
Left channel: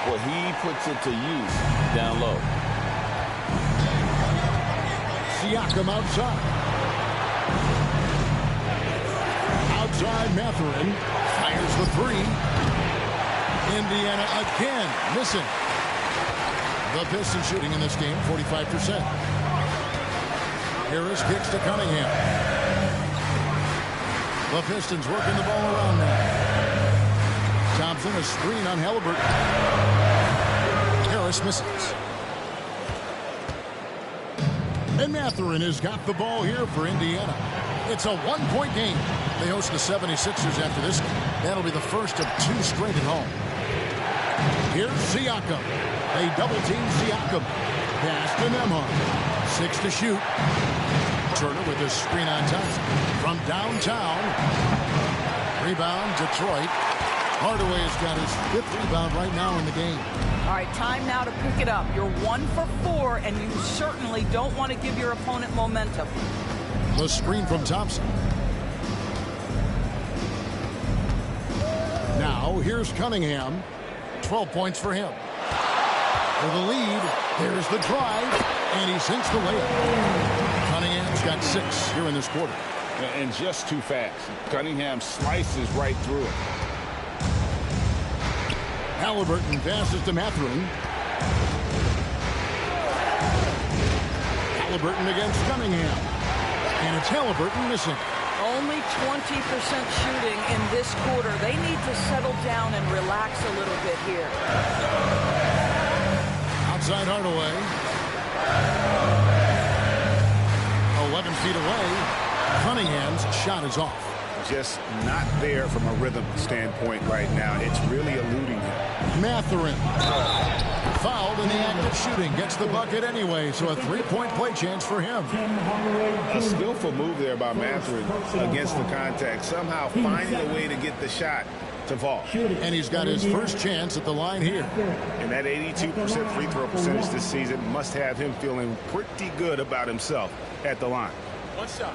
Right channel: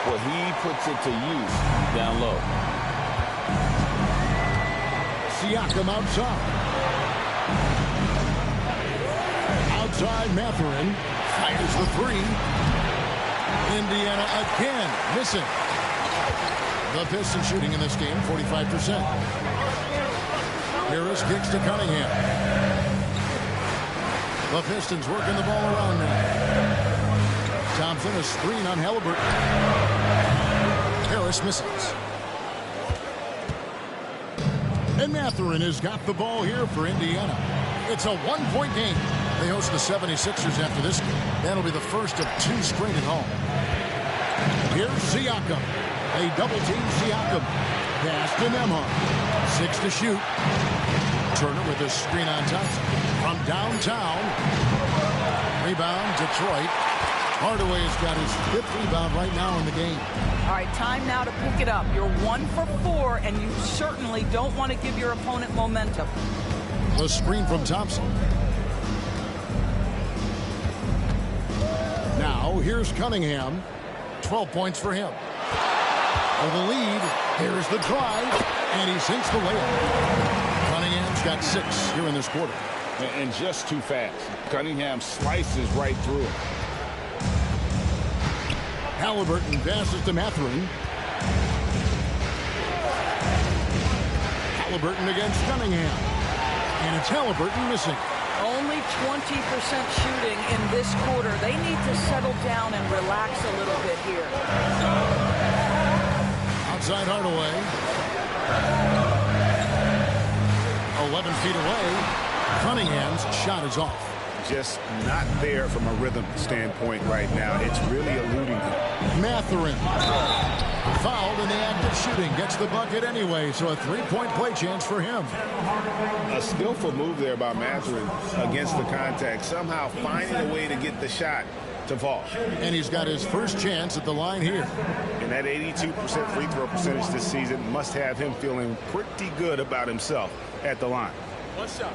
what he puts it to use down low. Siakam outside. Outside, Mathurin fires the 3. Indiana again missing. The Pistons shooting in this game 45%. Harris kicks to Cunningham. The Pistons working the ball around now. Thompson, a screen on Halliburton. Harris misses. And Mathurin has got the ball here for Indiana. It's a one-point game. They host the 76ers after this. That'll be the first of 2 straight at home. Here's Siakam. They double-team Siakam. Pass to Nembhard. 6 to shoot. Turner with a screen on Thompson. From downtown. Rebound, Detroit. Hardaway's got his 5th rebound right now in the game. All right, time now to pick it up. You're 1 for 4, and you certainly don't want to give your opponent momentum. The screen from Thompson. Now, here's Cunningham. 12 points for him. For the lead, here's the drive, and he sinks the layup. Cunningham's got 6 here in this quarter. And just too fast. Cunningham slices right through it. Halliburton passes to Mathurin. Halliburton against Cunningham. And it's Halliburton missing. Only 20% shooting in this quarter. They need to settle down and relax a little bit here. Outside Hardaway. 11 feet away. Cunningham's shot is off. Just not there from a rhythm standpoint right now. It's really eluding him. Mathurin. Fouled in the act of shooting. Gets the bucket anyway, so a 3-point play chance for him. A skillful move there by Mathurin against the contact. Somehow finding a way to get the shot to fall. And he's got his first chance at the line here. And that 82% free throw percentage this season must have him feeling pretty good about himself at the line. One shot.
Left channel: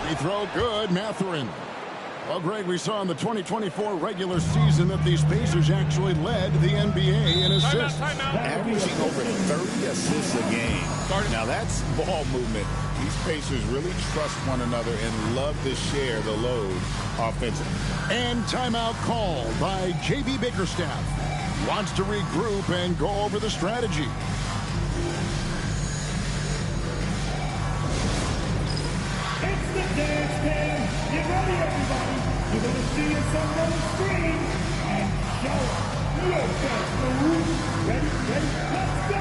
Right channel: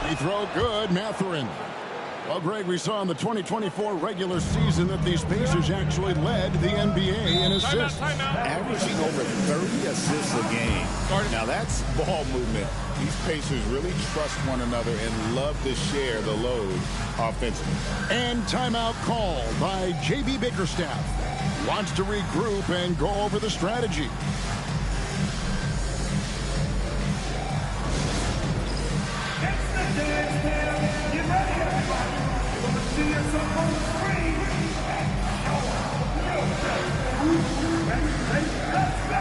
Free throw good, Mathurin. Well, Greg, we saw in the 2024 regular season that these Pacers actually led the NBA in assists. Averaging over 30 assists a game. Now that's ball movement. These Pacers really trust one another and love to share the load offensively. And timeout called by J.B. Bickerstaff. Wants to regroup and go over the strategy. Dance Cam, get ready everybody. You're going to see yourself on the screen and show us your best moves. Ready, let's go!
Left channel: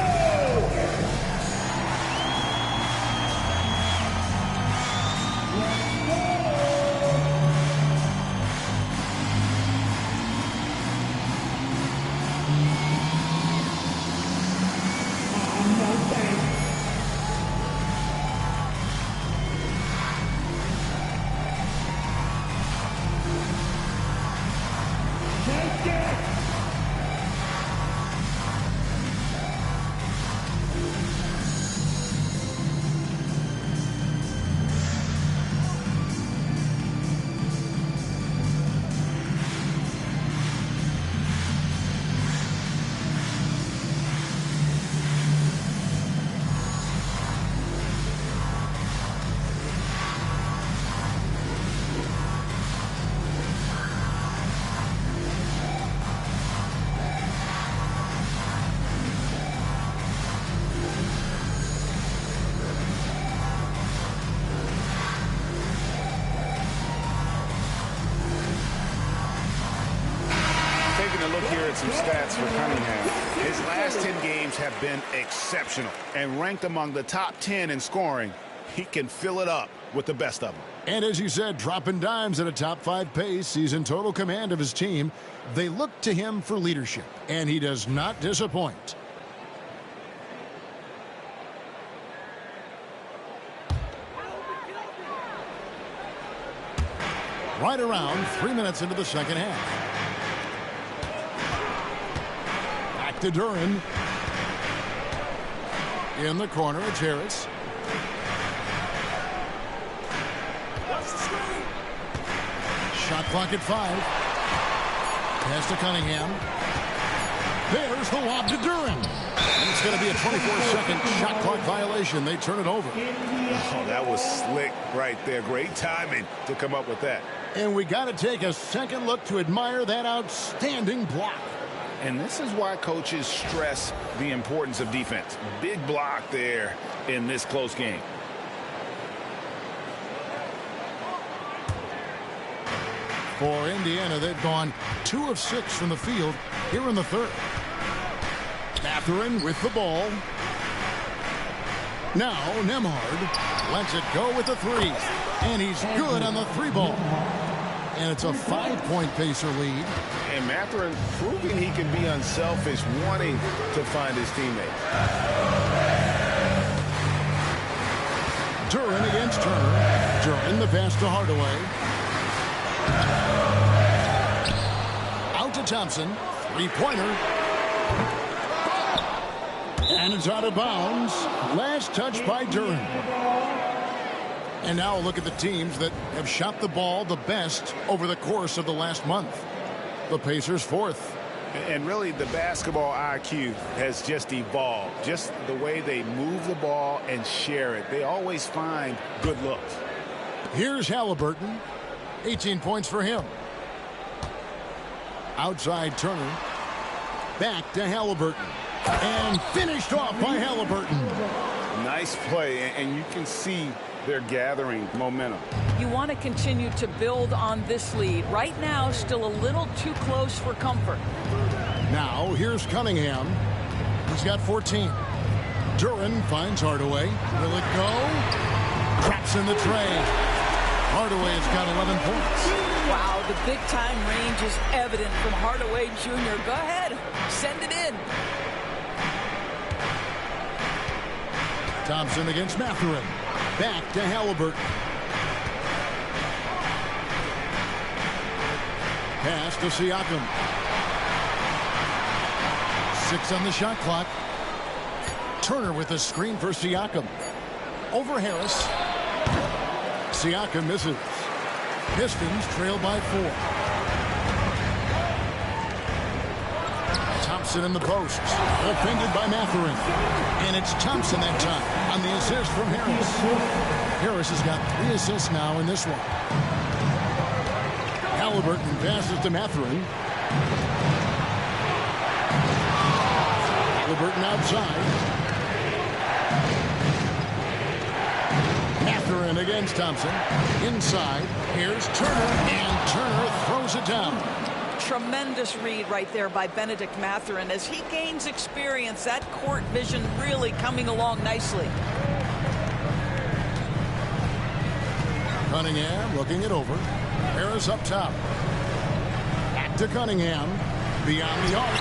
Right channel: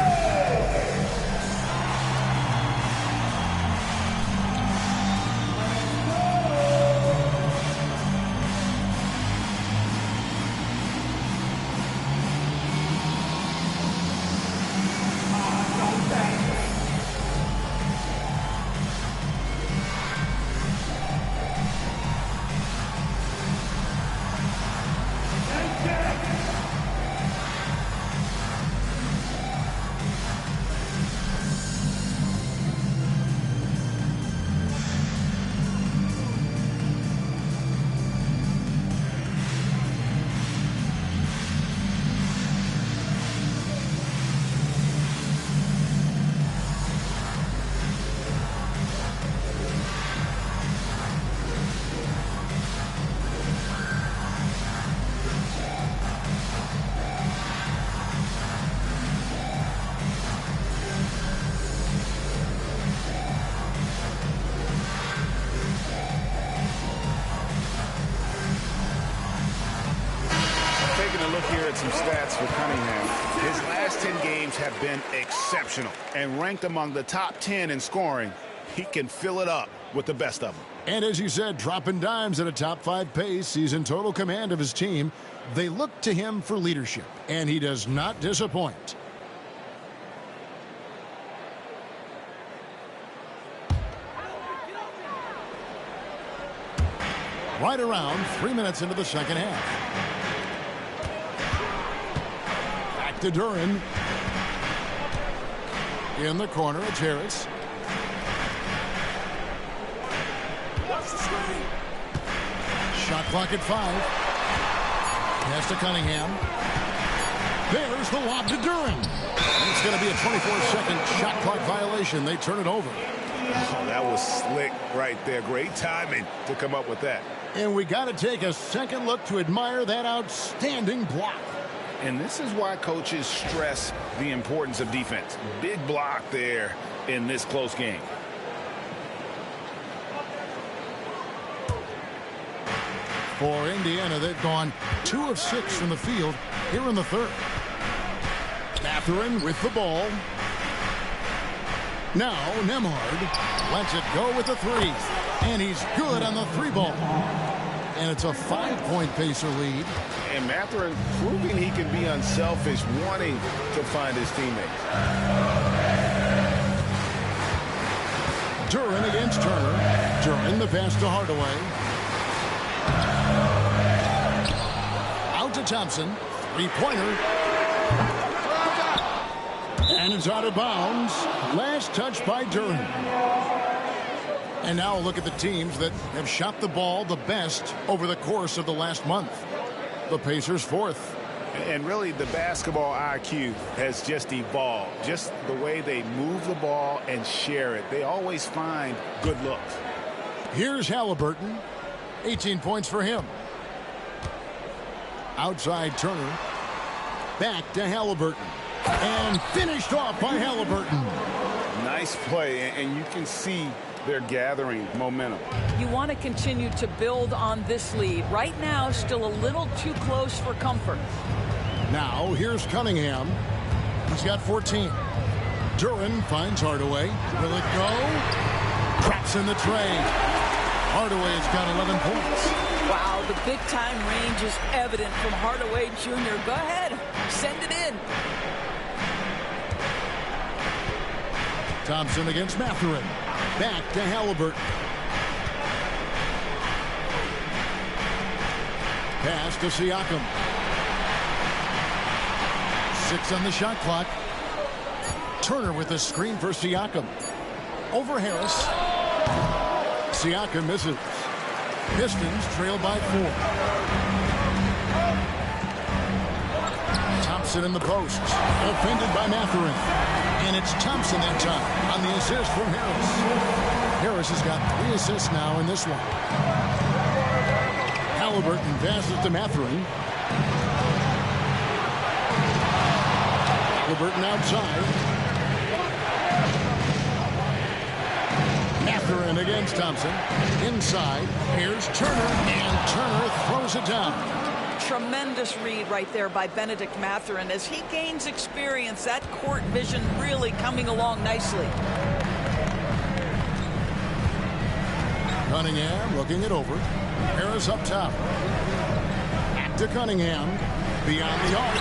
Taking a look here at some stats for Cunningham. His last 10 games have been exceptional and ranked among the top 10 in scoring. He can fill it up with the best of them. And as you said, dropping dimes at a top 5 pace. He's in total command of his team. They look to him for leadership, and he does not disappoint. Right around 3 minutes into the second half. Back to Duran. In the corner, it's Harris. Shot clock at 5. Pass to Cunningham. There's the lob to Duran. And it's going to be a 24-second shot clock violation. They turn it over. Oh, that was slick right there. Great timing to come up with that. And we got to take a second look to admire that outstanding block. And this is why coaches stress the importance of defense. Big block there in this close game. For Indiana, they've gone 2 of 6 from the field here in the third. Mathurin with the ball. Now Nembhard lets it go with the 3. And he's good on the 3-ball. And it's a 5-point Pacer lead. And Mathurin proving he can be unselfish, wanting to find his teammates. Duren against Turner. Duren the pass to Hardaway. Out to Thompson. 3-pointer. And it's out of bounds. Last touch by Duren. And now look at the teams that have shot the ball the best over the course of the last month. The Pacers 4th. And really, the basketball IQ has just evolved. Just the way they move the ball and share it. They always find good looks. Here's Halliburton. 18 points for him. Outside Turner. Back to Halliburton. And finished off by Halliburton. Nice play, and you can see they're gathering momentum. You want to continue to build on this lead. Right now, still a little too close for comfort. Now, here's Cunningham. He's got 14. Duren finds Hardaway. Will it go? Drops in the tray. Hardaway's got 11 points. Wow, the big-time range is evident from Hardaway Jr. Go ahead, send it in. Thompson against Mathurin. Back to Halliburton. Pass to Siakam. 6 on the shot clock. Turner with a screen for Siakam. Over Harris. Siakam misses. Pistons trail by 4. Thompson in the post. Defended by Mathurin. And it's Thompson that time on the assist from Harris. Harris has got 3 assists now in this one. Halliburton passes to Mathurin. Halliburton outside. Mathurin against Thompson. Inside. Here's Turner. And Turner throws it down. Tremendous read right there by Benedict Mathurin. As he gains experience, that court vision really coming along nicely. Cunningham looking it over. Harris up top. Back to Cunningham. Beyond the arc.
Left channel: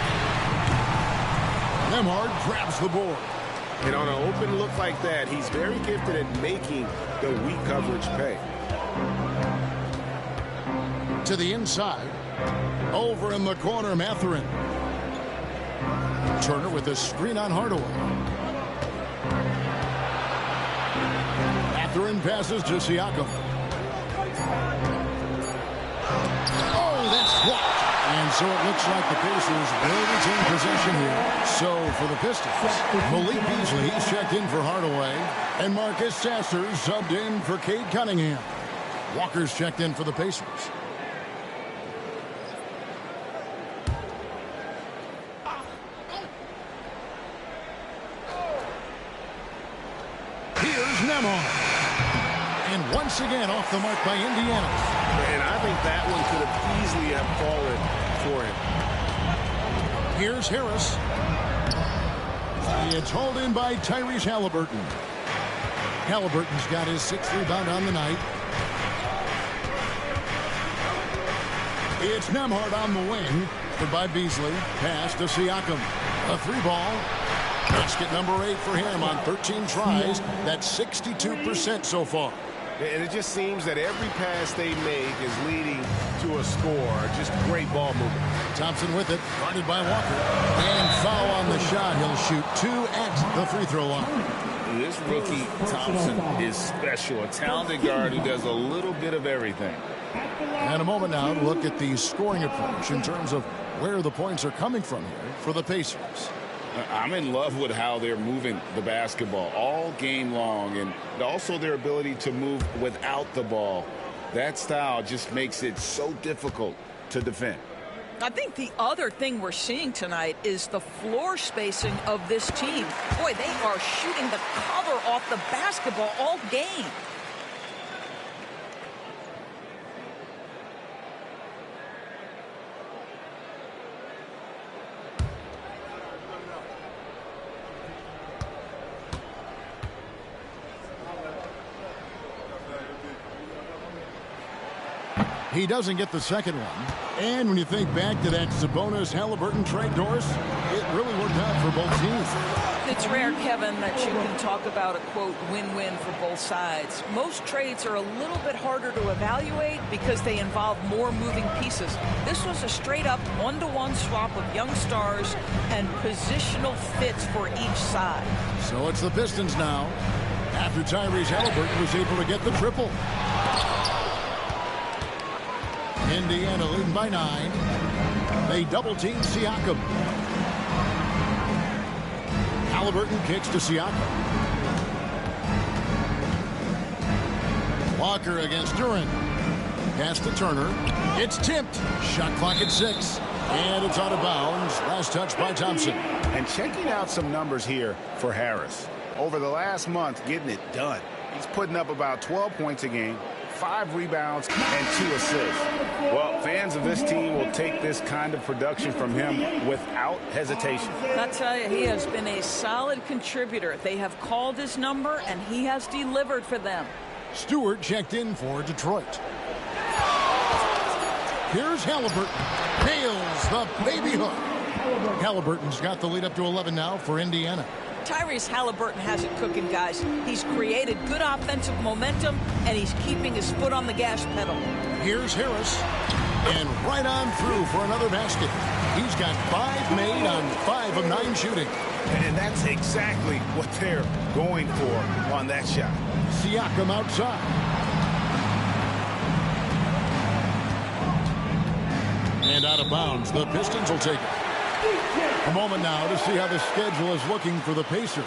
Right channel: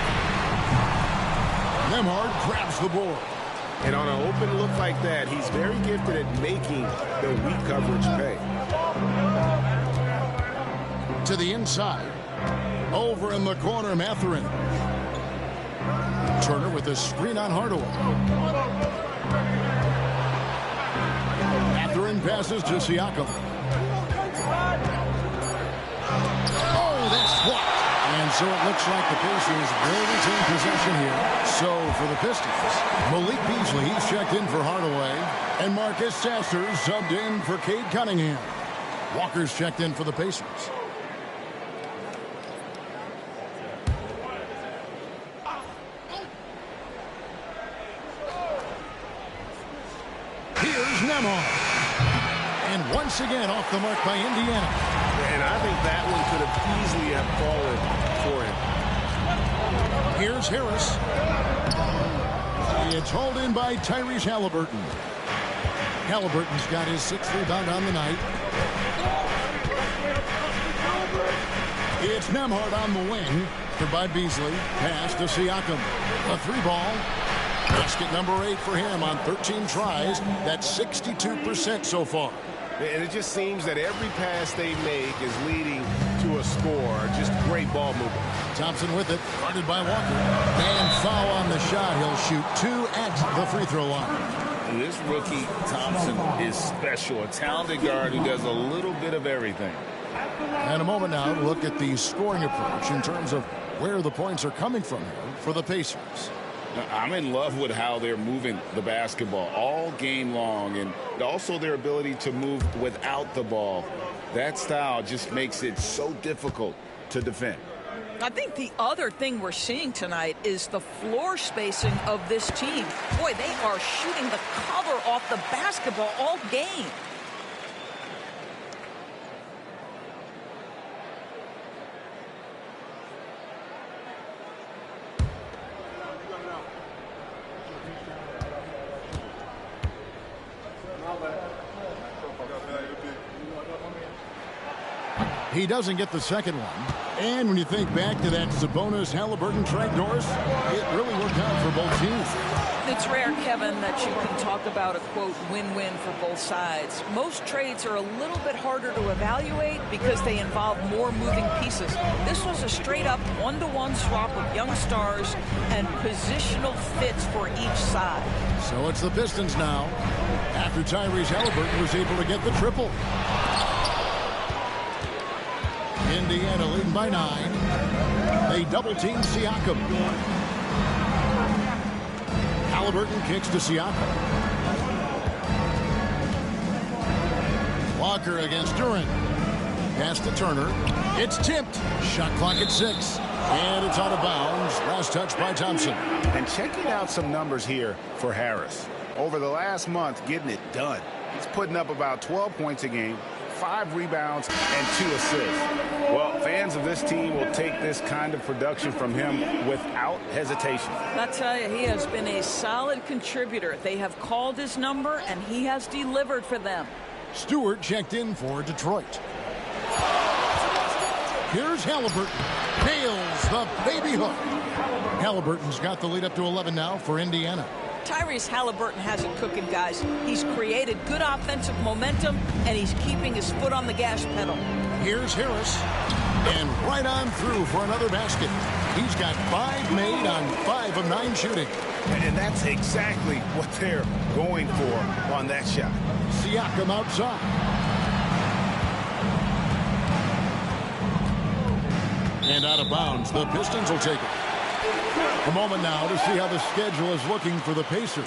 Nembhard grabs the board. And on an open look like that, he's very gifted at making the weak coverage pay. To the inside. Over in the corner, Mathurin. Turner with a screen on Hardaway. Mathurin passes to Siakam. Oh, that's blocked. And so it looks like the Pacers will retain possession here. So for the Pistons, Malik Beasley, he's checked in for Hardaway. And Marcus Sasser subbed in for Cade Cunningham. Walker's checked in for the Pacers. And once again off the mark by Indiana. And I think that one could have easily have fallen for him. Here's Harris. It's hauled in by Tyrese Halliburton. Halliburton's got his 6th rebound on the night. It's Nembhard on the wing. By Beasley. Pass to Siakam. A 3-ball. Basket number 8 for him on 13 tries. That's 62% so far. And it just seems that every pass they make is leading to a score. Just great ball movement. Thompson with it, guarded by Walker. And foul on the shot. He'll shoot 2 at the free throw line. This rookie, Thompson, is special. A talented guard who does a little bit of everything. And a moment now to look at the scoring approach in terms of where the points are coming from here for the Pacers. I'm in love with how they're moving the basketball all game long, and also their ability to move without the ball. That style just makes it so difficult to defend. I think the other thing we're seeing tonight is the floor spacing of this team. Boy, they are shooting the cover off the basketball all game. He doesn't get the second one. And when you think back to that Sabonis-Halliburton trade, Doris, it really worked out for both teams. It's rare, Kevin, that you can talk about a, quote, win-win for both sides. Most trades are a little bit harder to evaluate because they involve more moving pieces. This was a straight-up one-to-one swap of young stars and positional fits for each side. So it's the Pistons now, after Tyrese Halliburton was able to get the triple. Indiana leading by 9. They double-team Siakam. Halliburton kicks to Siakam. Walker against Durant. Pass to Turner. It's tipped. Shot clock at 6. And it's out of bounds. Last touch by Thompson. And checking out some numbers here for Harris. Over the last month, getting it done. He's putting up about 12 points a game, 5 rebounds, and 2 assists. Well, fans of this team will take this kind of production from him without hesitation. I tell you, he has been a solid contributor. They have called his number, and he has delivered for them. Stewart checked in for Detroit. Here's Halliburton. Nails the baby hook. Halliburton's got the lead up to 11 now for Indiana. Tyrese Halliburton has it cooking, guys. He's created good offensive momentum, and he's keeping his foot on the gas pedal. Here's Harris, and right on through for another basket. He's got 5 made on 5 of 9 shooting. And that's exactly what they're going for on that shot. Siakam outside. And out of bounds. The Pistons will take it. A moment now to see how the schedule is looking for the Pacers.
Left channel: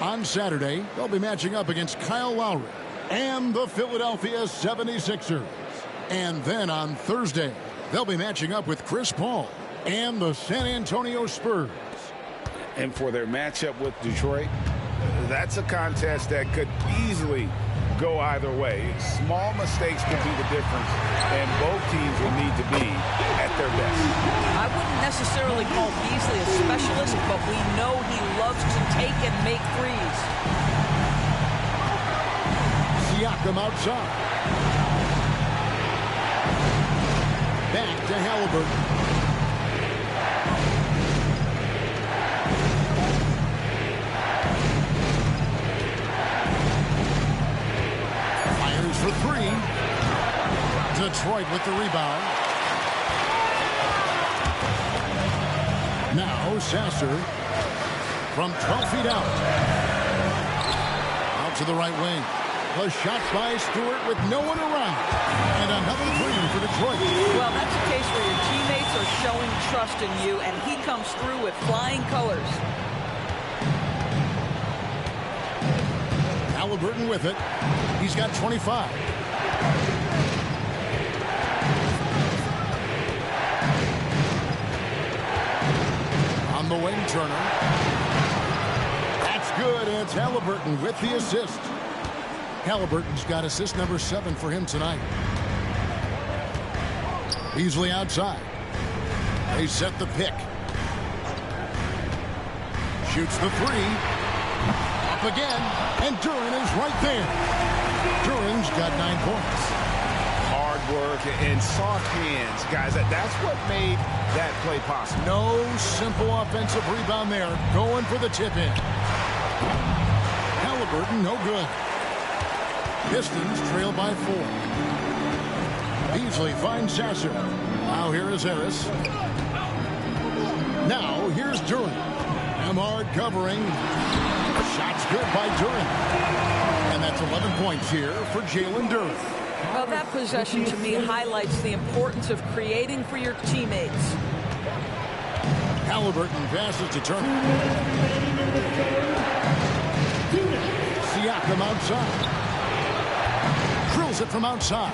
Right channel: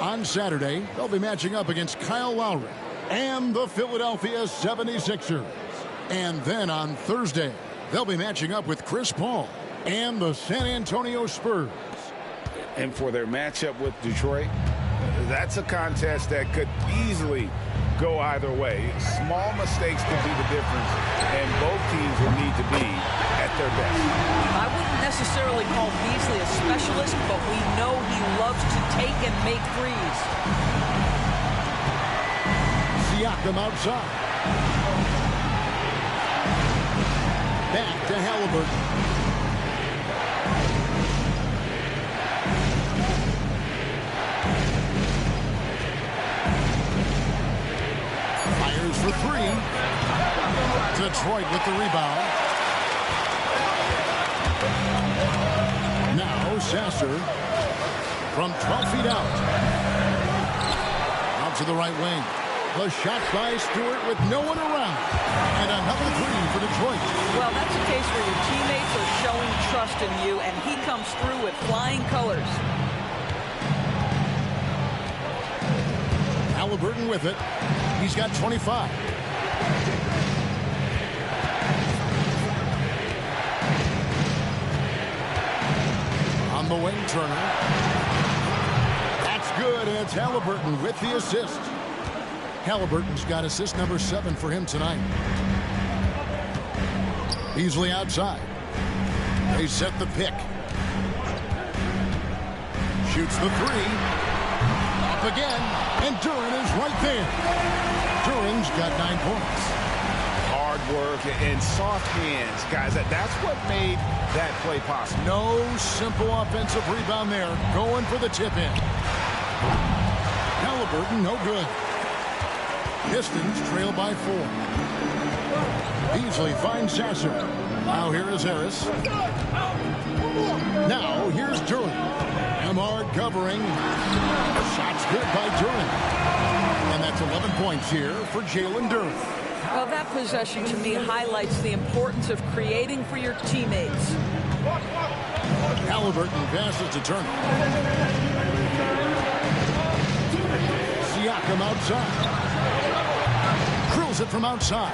On Saturday, they'll be matching up against Kyle Lowry and the Philadelphia 76ers. And then on Thursday, they'll be matching up with Chris Paul and the San Antonio Spurs. And for their matchup with Detroit, that's a contest that could easily go either way. Small mistakes could be the difference, and both teams will need to be at their best. I wouldn't necessarily call Beasley a specialist, but we know he loves to take and make threes. Siakam outside. Back to Halliburton. Fires for 3. Detroit with the rebound. Now Sasser from 12 feet out. Out to the right wing. The shot by Stewart with no one around. And another 3 for Detroit. Well, that's a case where your teammates are showing trust in you, and he comes through with flying colors. Halliburton with it. He's got 25. On the wing, Turner. That's good. It's Halliburton with the assist. Halliburton's got assist number 7 for him tonight. Beasley outside. They set the pick. Shoots the 3. Up again. And Durant is right there. Durant's got 9 points. Hard work and soft hands, guys. That's what made that play possible. No simple offensive rebound there. Going for the tip-in. Halliburton, no good. Pistons trail by 4. Beasley finds Sasser. Now here is Harris. Now here's Durant. Emard covering. Shots good by Durant. And that's 11 points here for Jalen Durant. Well, that possession to me highlights the importance of creating for your teammates. Halliburton passes to Turner. Siakam outside. Drills it from outside.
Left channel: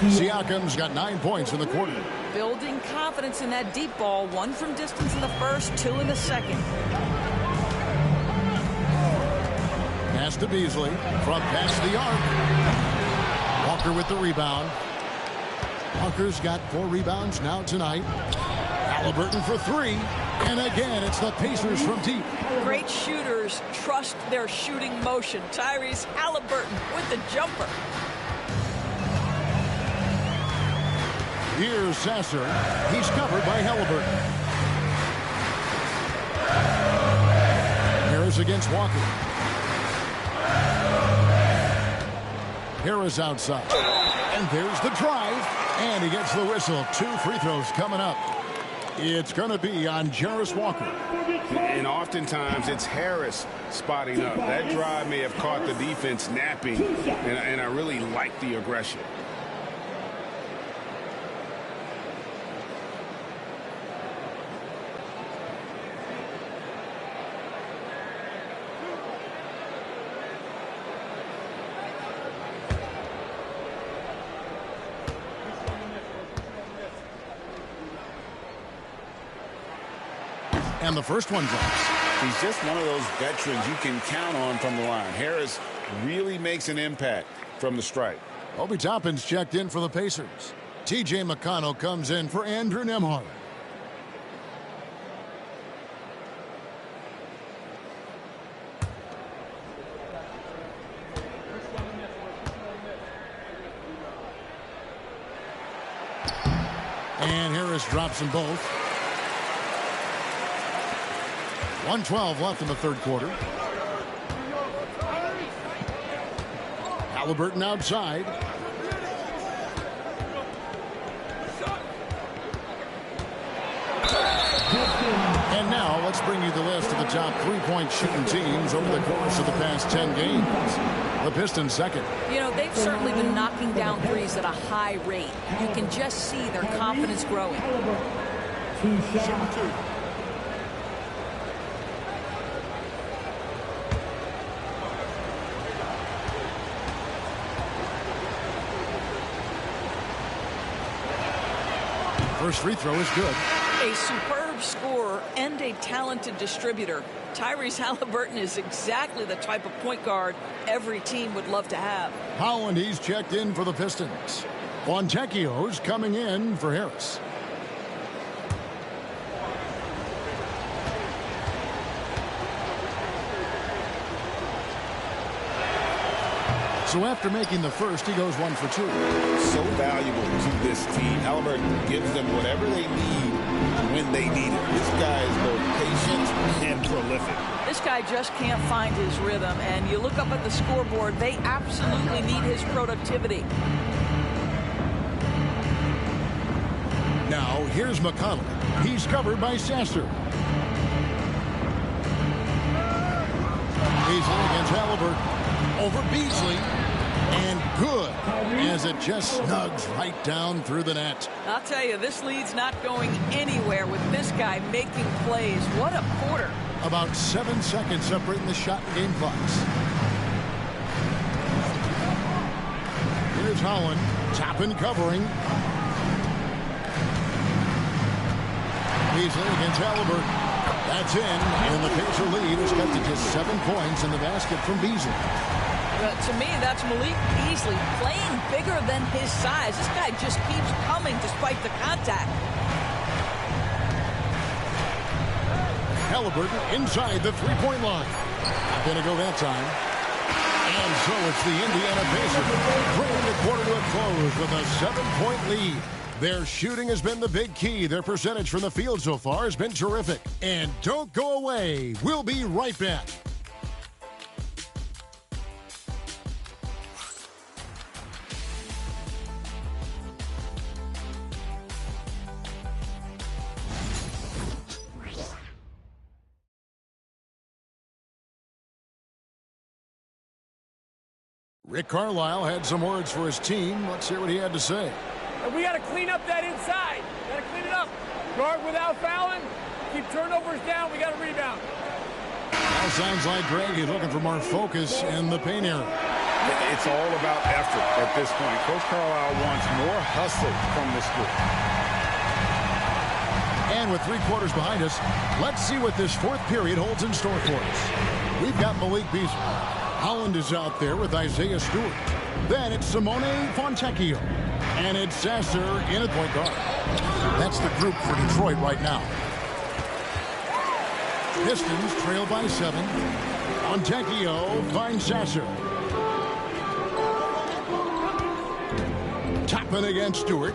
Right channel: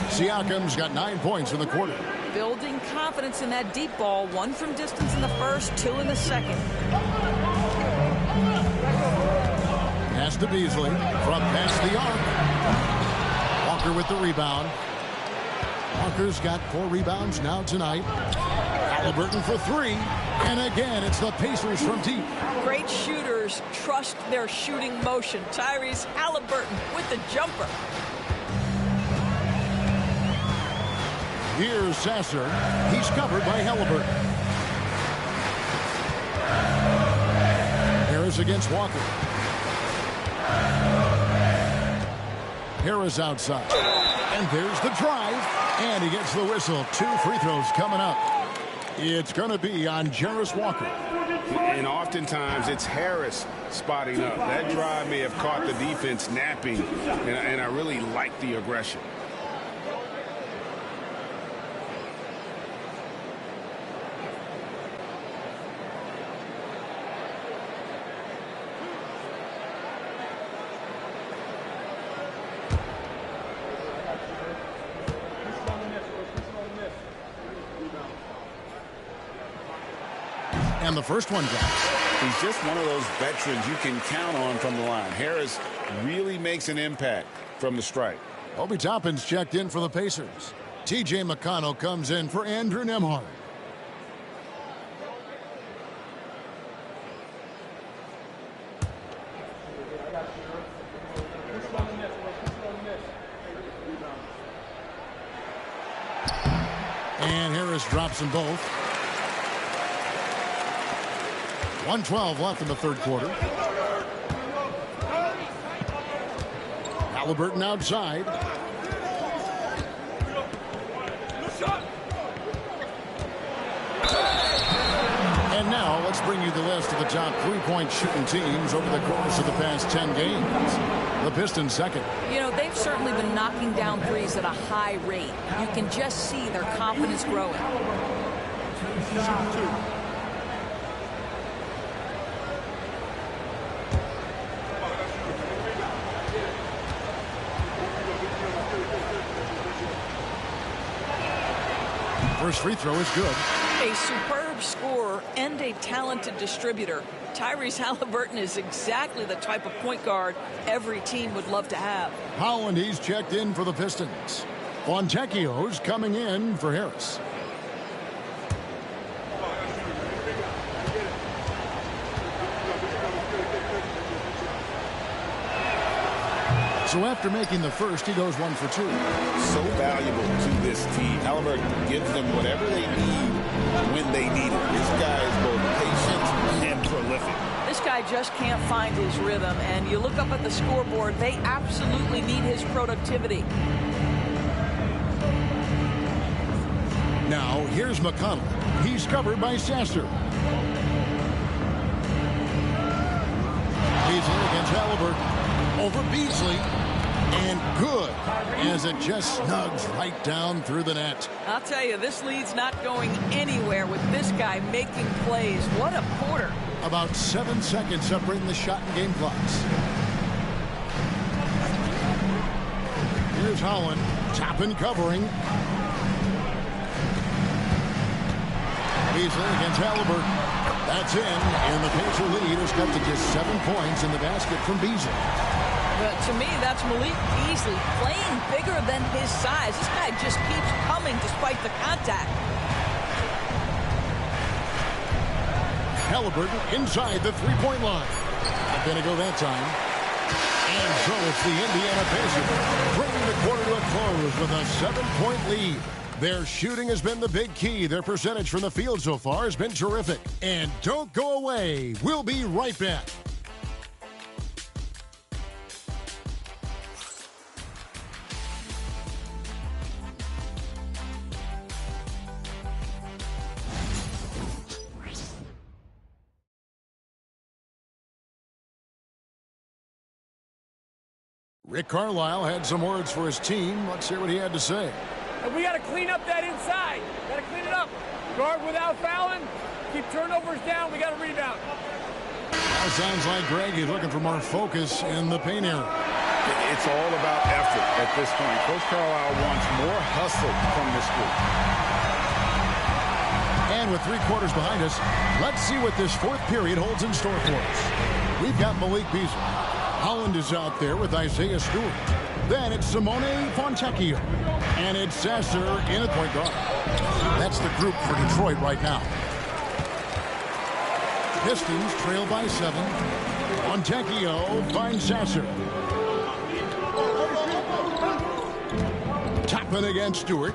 Siakam's got 9 points in the quarter. Building confidence in that deep ball. 1 from distance in the first, 2 in the second. Pass to Beasley from past the arc. Walker with the rebound. Walker's got 4 rebounds now tonight. Halliburton for 3. And again, it's the Pacers from deep. Great shooters trust their shooting motion. Tyrese Halliburton with the jumper. Here's Sasser. He's covered by Halliburton. Harris against Walker. Harris outside. And there's the drive. And he gets the whistle. 2 free throws coming up. It's going to be on Jarris Walker. And oftentimes it's Harris spotting up. That drive may have caught the defense napping. And I really like the aggression. And the first one drops. He's just one of those veterans you can count on from the line. Harris really makes an impact from the stripe. Obi Toppin's checked in for the Pacers. T.J. McConnell comes in for Andrew Nembhard. And Harris drops them both. 1:12 left in the third quarter. Halliburton outside. And now let's bring you the list of the top three-point shooting teams over the course of the past 10 games. The Pistons second. You know, they've certainly been knocking down threes at a high rate. You can just see their confidence growing. Shooting 2. First free throw is good. A superb scorer and a talented distributor. Tyrese Halliburton is exactly the type of point guard every team would love to have. Holland, he's checked in for the Pistons. Fontecchio's coming in for Harris. So after making the first, he goes 1 for 2. So valuable to this team. Halliburton gives them whatever they need when they need it. This guy is both patient and prolific. This guy just can't find his rhythm, and you look up at the scoreboard, they absolutely need his productivity. Now, here's McConnell. He's covered by Sasser. Beasley against Halliburton. Over Beasley. And good, as it just snugs right down through the net. I'll tell you, this lead's not going anywhere with this guy making plays. What a quarter. About 7 seconds separating the shot and game clocks. Here's Holland. Toppin covering. Beasley against Halliburton. That's in, and the Pacer lead is cut to just 7 points in the basket from Beasley. But to me, that's Malik Beasley playing bigger than his size. This guy just keeps coming despite the contact. Halliburton inside the three-point line. Not going to go that time. And so it's the Indiana Pacers bringing the quarter to a close with a 7-point lead. Their shooting has been the big key. Their percentage from the field so far has been terrific. And don't go away. We'll be right back. Rick Carlisle had some words for his team. Let's hear what he had to say. And we got to clean up that inside. Got to clean it up. Guard without fouling. Keep turnovers down. We got to rebound. Now sounds like Greg is looking for more focus in the paint area. It's all about effort at this point. Coach Carlisle wants more hustle from this group. And with 3 quarters behind us, let's see what this fourth period holds in store for us. We've got Malik Beasley. Holland is out there with Isaiah Stewart. Then it's Simone Fontecchio. And it's Sasser in at point guard. That's the group for Detroit right now. Pistons trail by 7. Fontecchio finds Sasser. Toppin against Stewart.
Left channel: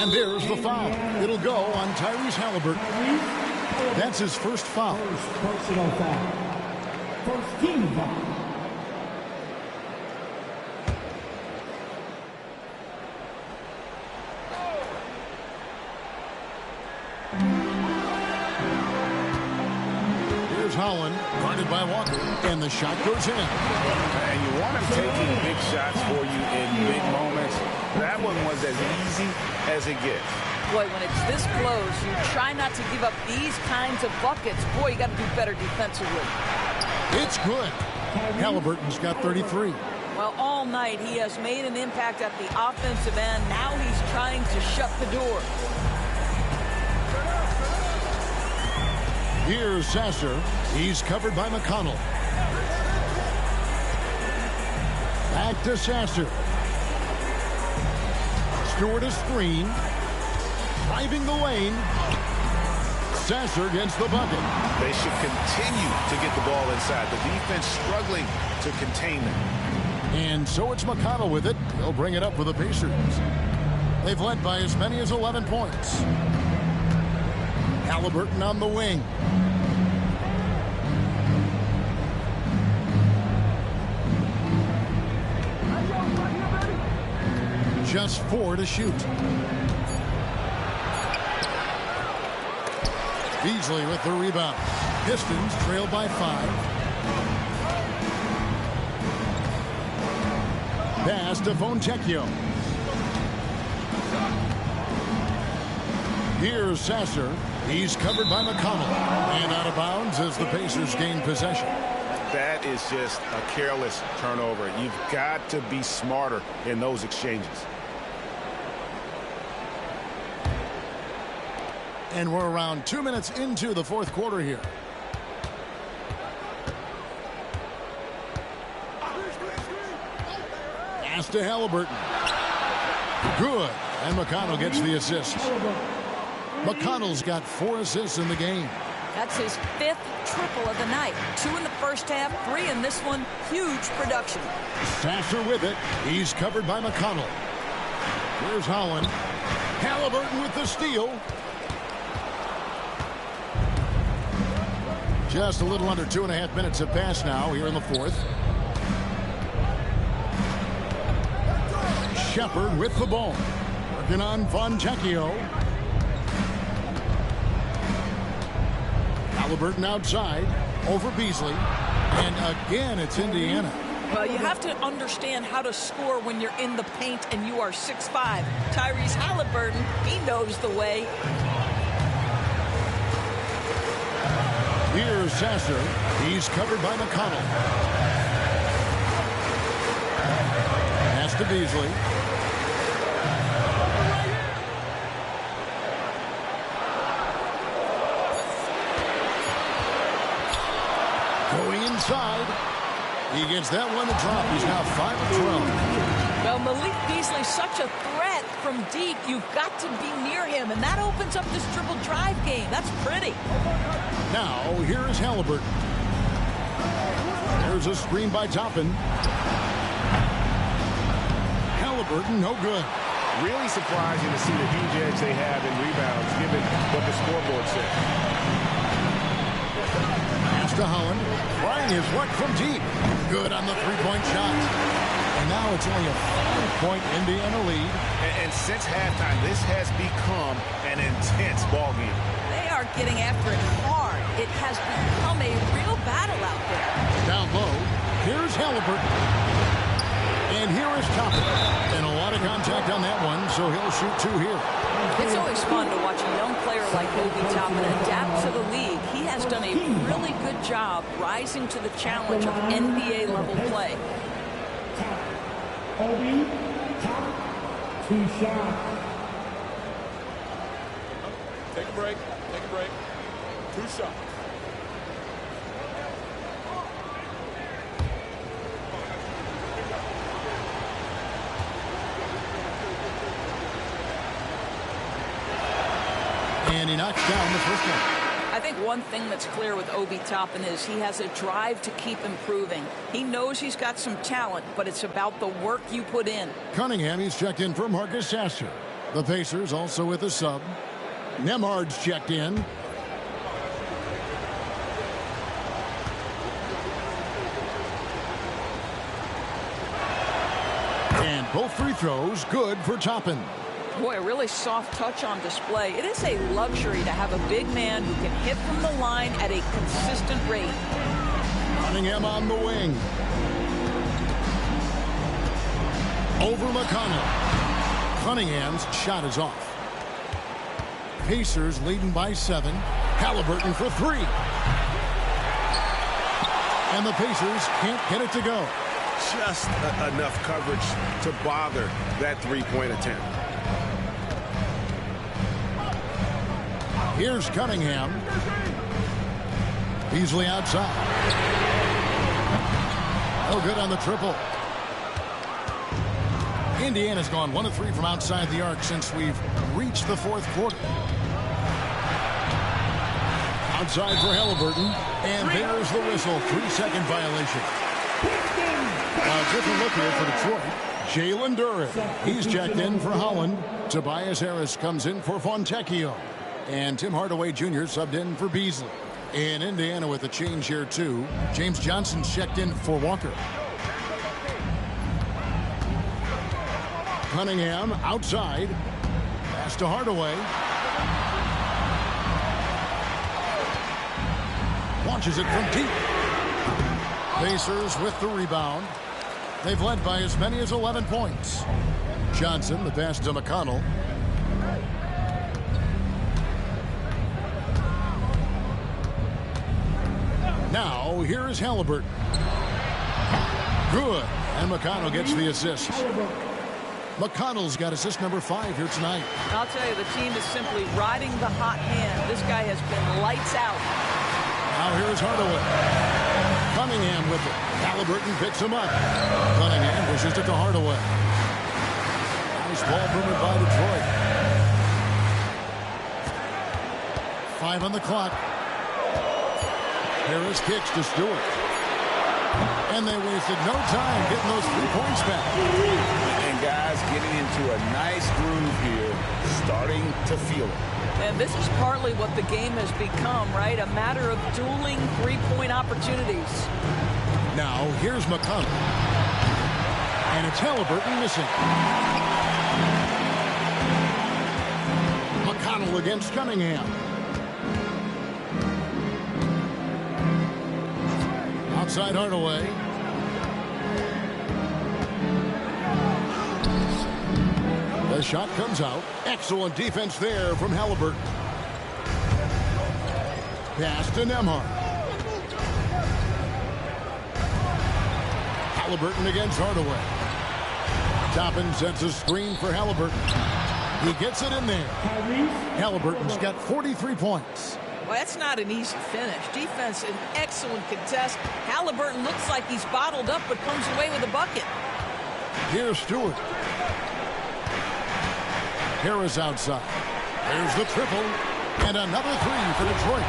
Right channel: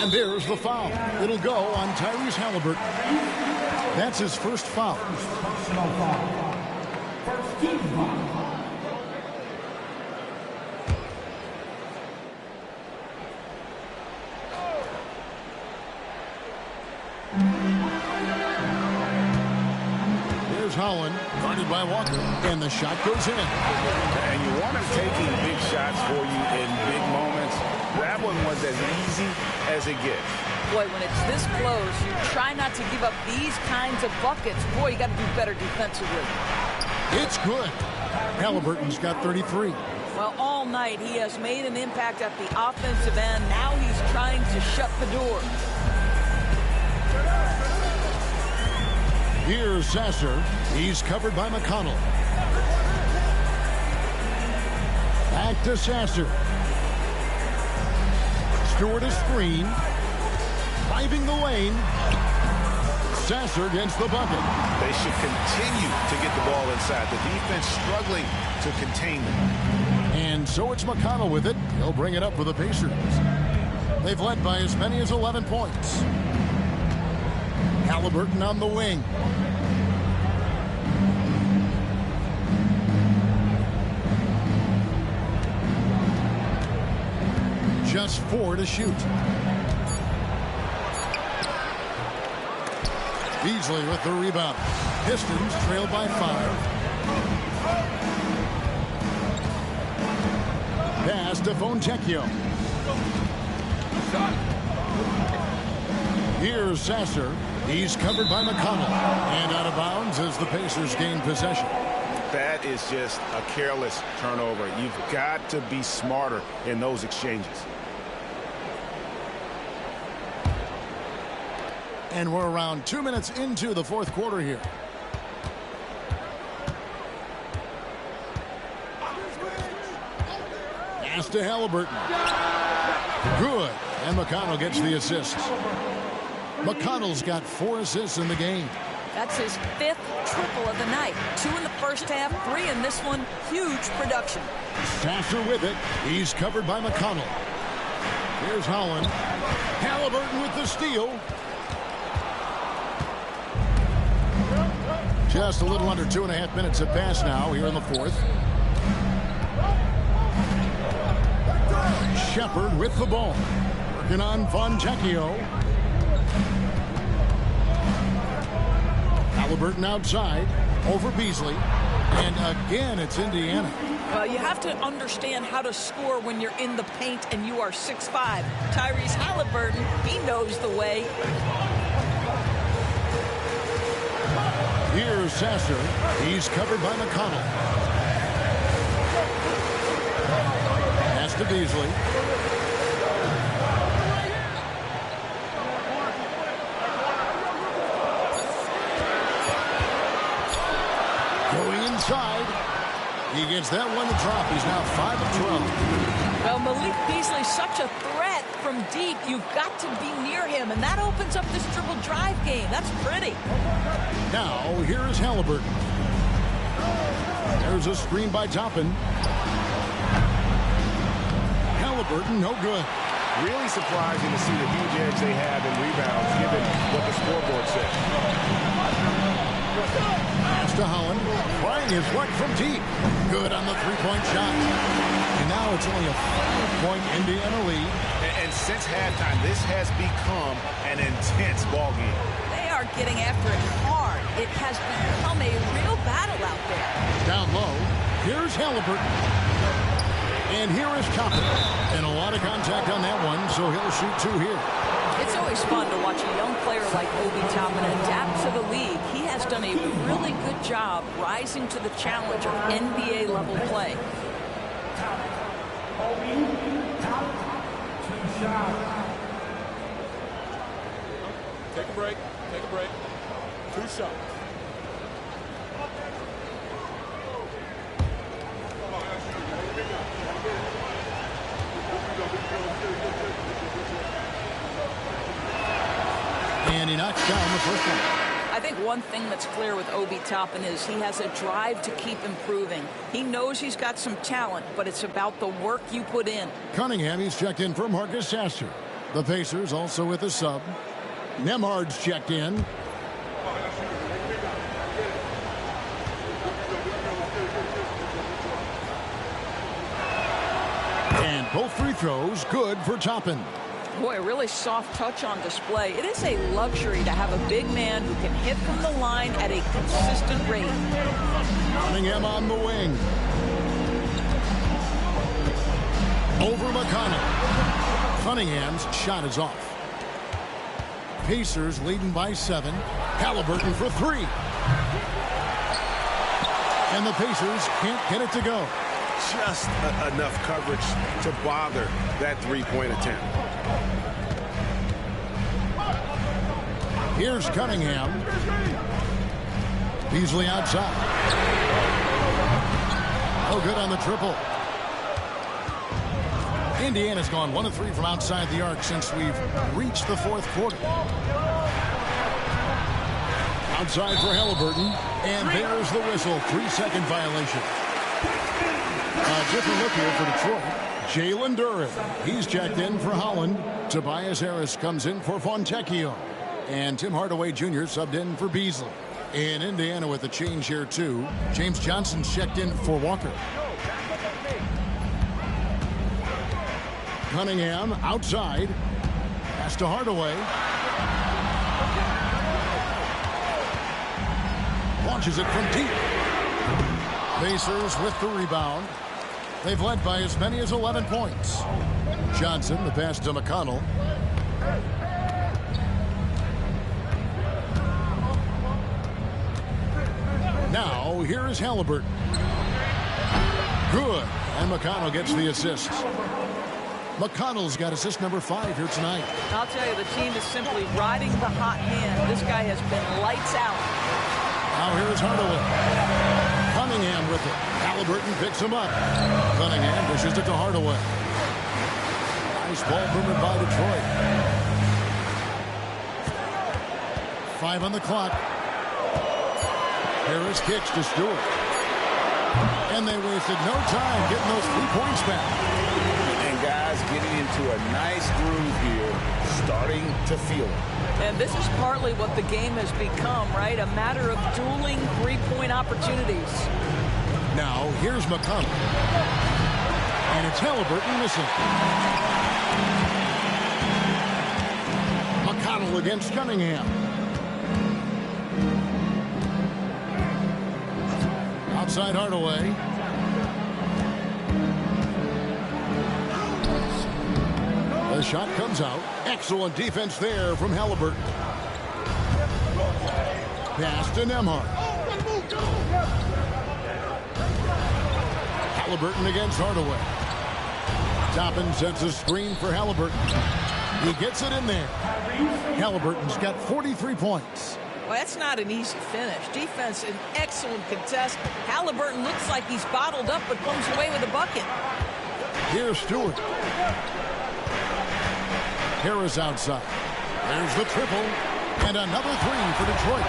And there's the foul. It'll go on Tyrese Halliburton. That's his first foul. First personal foul. First team foul. Here's Holland, guarded by Walker, and the shot goes in. And you want him taking big shots for you in big moments. That one was as easy as it gets. Boy, when it's this close, you try not to give up these kinds of buckets. Boy, you got to do better defensively. It's good. Halliburton's got 33. Well, all night he has made an impact at the offensive end. Now he's trying to shut the door. Here's Sasser. He's covered by McConnell. Back to Sasser. Stewart a screen. Driving the lane. Sasser gets the bucket. They should continue to get the ball inside. The defense struggling to contain them. And so it's McConnell with it. He'll bring it up for the Pacers. They've led by as many as 11 points. Halliburton on the wing. Just 4 to shoot. Beasley with the rebound. Pistons trail by 5. Pass to Fontecchio. Here's Sasser. He's covered by McConnell. And out of bounds as the Pacers gain possession. That is just a careless turnover. You've got to be smarter in those exchanges. And we're around 2 minutes into the fourth quarter here. Pass to Halliburton. Good. And McConnell gets the assist. McConnell's got 4 assists in the game. That's his 5th triple of the night. 2 in the first half, 3 in this one. Huge production. Sasser with it. He's covered by McConnell. Here's Holland. Halliburton with the steal. Just a little under 2.5 minutes have passed now here in the fourth. Shepard with the ball. Working on Fontecchio. Halliburton outside. Over Beasley. And again, it's Indiana. Well, you have to understand how to score when you're in the paint and you are 6'5". Tyrese Halliburton, he knows the way. Here's Sasser. He's covered by McConnell. Pass to Beasley. Going inside. He gets that one to drop. He's now 5 of 12. Well, Malik Beasley's such a threat from deep. You've got to be near him, and that opens up this dribble drive game. That's pretty. Now, here is Halliburton. There's a screen by Toppin. Halliburton, no good. Really surprising to see the huge edge they have in rebounds, given what the scoreboard said. Pass to Holland. Trying his luck from deep. Good on the three-point shot. And now it's only a 5-point Indiana lead. And since halftime, this has become an intense ball game. They are getting after it hard. It has become a real battle out there. Down low, here's Halliburton. And here is Toppin. And a lot of contact on that one, so he'll shoot 2 here. It's always fun to watch a young player like Obi Toppin adapt to the league. He has done a really good job rising to the challenge of NBA-level play. Obi, top, 2 shots. Take a break. Take a break. 2 shots. And he knocks down the first one. I think one thing that's clear with Obi Toppin is he has a drive to keep improving. He knows he's got some talent, but it's about the work you put in. Cunningham, he's checked in for Marcus Sasser. The Pacers also with a sub. Nembhard's checked in. And both free throws good for Toppin. Boy, a really soft touch on display. It is a luxury to have a big man who can hit from the line at a consistent rate. Cunningham on the wing. Over McConnell. Cunningham's shot is off. Pacers leading by 7. Halliburton for 3. And the Pacers can't get it to go. Just enough coverage to bother that three-point attempt. Here's Cunningham. Beasley outside. Oh, good on the triple. Indiana's gone 1 of 3 from outside the arc since we've reached the fourth quarter. Outside for Halliburton. And there's the whistle. 3-second violation. A different look here for Detroit. Jalen Duren. He's checked in for Holland. Tobias Harris comes in for Fontecchio. And Tim Hardaway Jr. subbed in for Beasley. In Indiana with a change here, too. James Johnson's checked in for Walker. Cunningham outside. Pass to Hardaway. Launches it from deep. Pacers with the rebound. They've led by as many as 11 points. Johnson, the pass to McConnell. Now, here is Halliburton. Good. And McConnell gets the assist. McConnell's got assist number 5 here tonight. I'll tell you, the team is simply riding the hot hand. This guy has been lights out. Now here's Hardaway. Cunningham with it. Halliburton picks him up. Cunningham pushes it to Hardaway. Nice ball movement by Detroit. 5 on the clock. Harris kicks to Stewart. And they wasted no time getting those 3 points back. And guys getting into a nice groove here, starting to feel it. And this is partly what the game has become, right? A matter of dueling 3-point opportunities. Now, here's McConnell. And it's Halliburton missing. McConnell against Cunningham. Outside Hardaway. The shot comes out. Excellent defense there from Halliburton. Pass to Nembhard. Halliburton against Hardaway. Toppin sets a screen for Halliburton. He gets it in there. Halliburton's got 43 points. Well, that's not an easy finish. Defense, an excellent contest. Halliburton looks like he's bottled up, but comes away with a bucket. Here's Stewart. Harris outside. There's the triple. And another 3 for Detroit.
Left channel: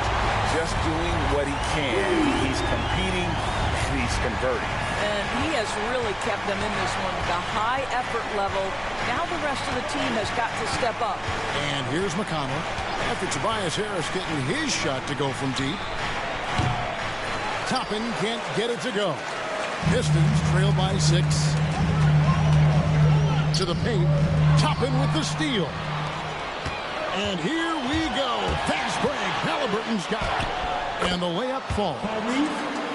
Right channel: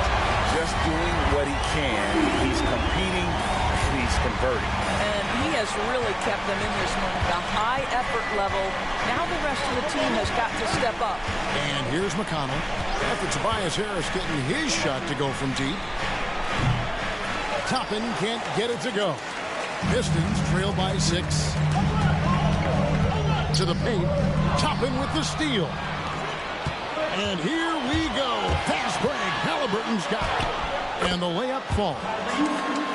Just doing what he can. He's competing and he's converting. And he has really kept them in this one. The high effort level. Now the rest of the team has got to step up. And here's McConnell. After Tobias Harris getting his shot to go from deep. Toppin can't get it to go. Pistons trail by 6. To the paint. Toppin with the steal. And here we go. Fast break. Halliburton's got it. And the layup falls.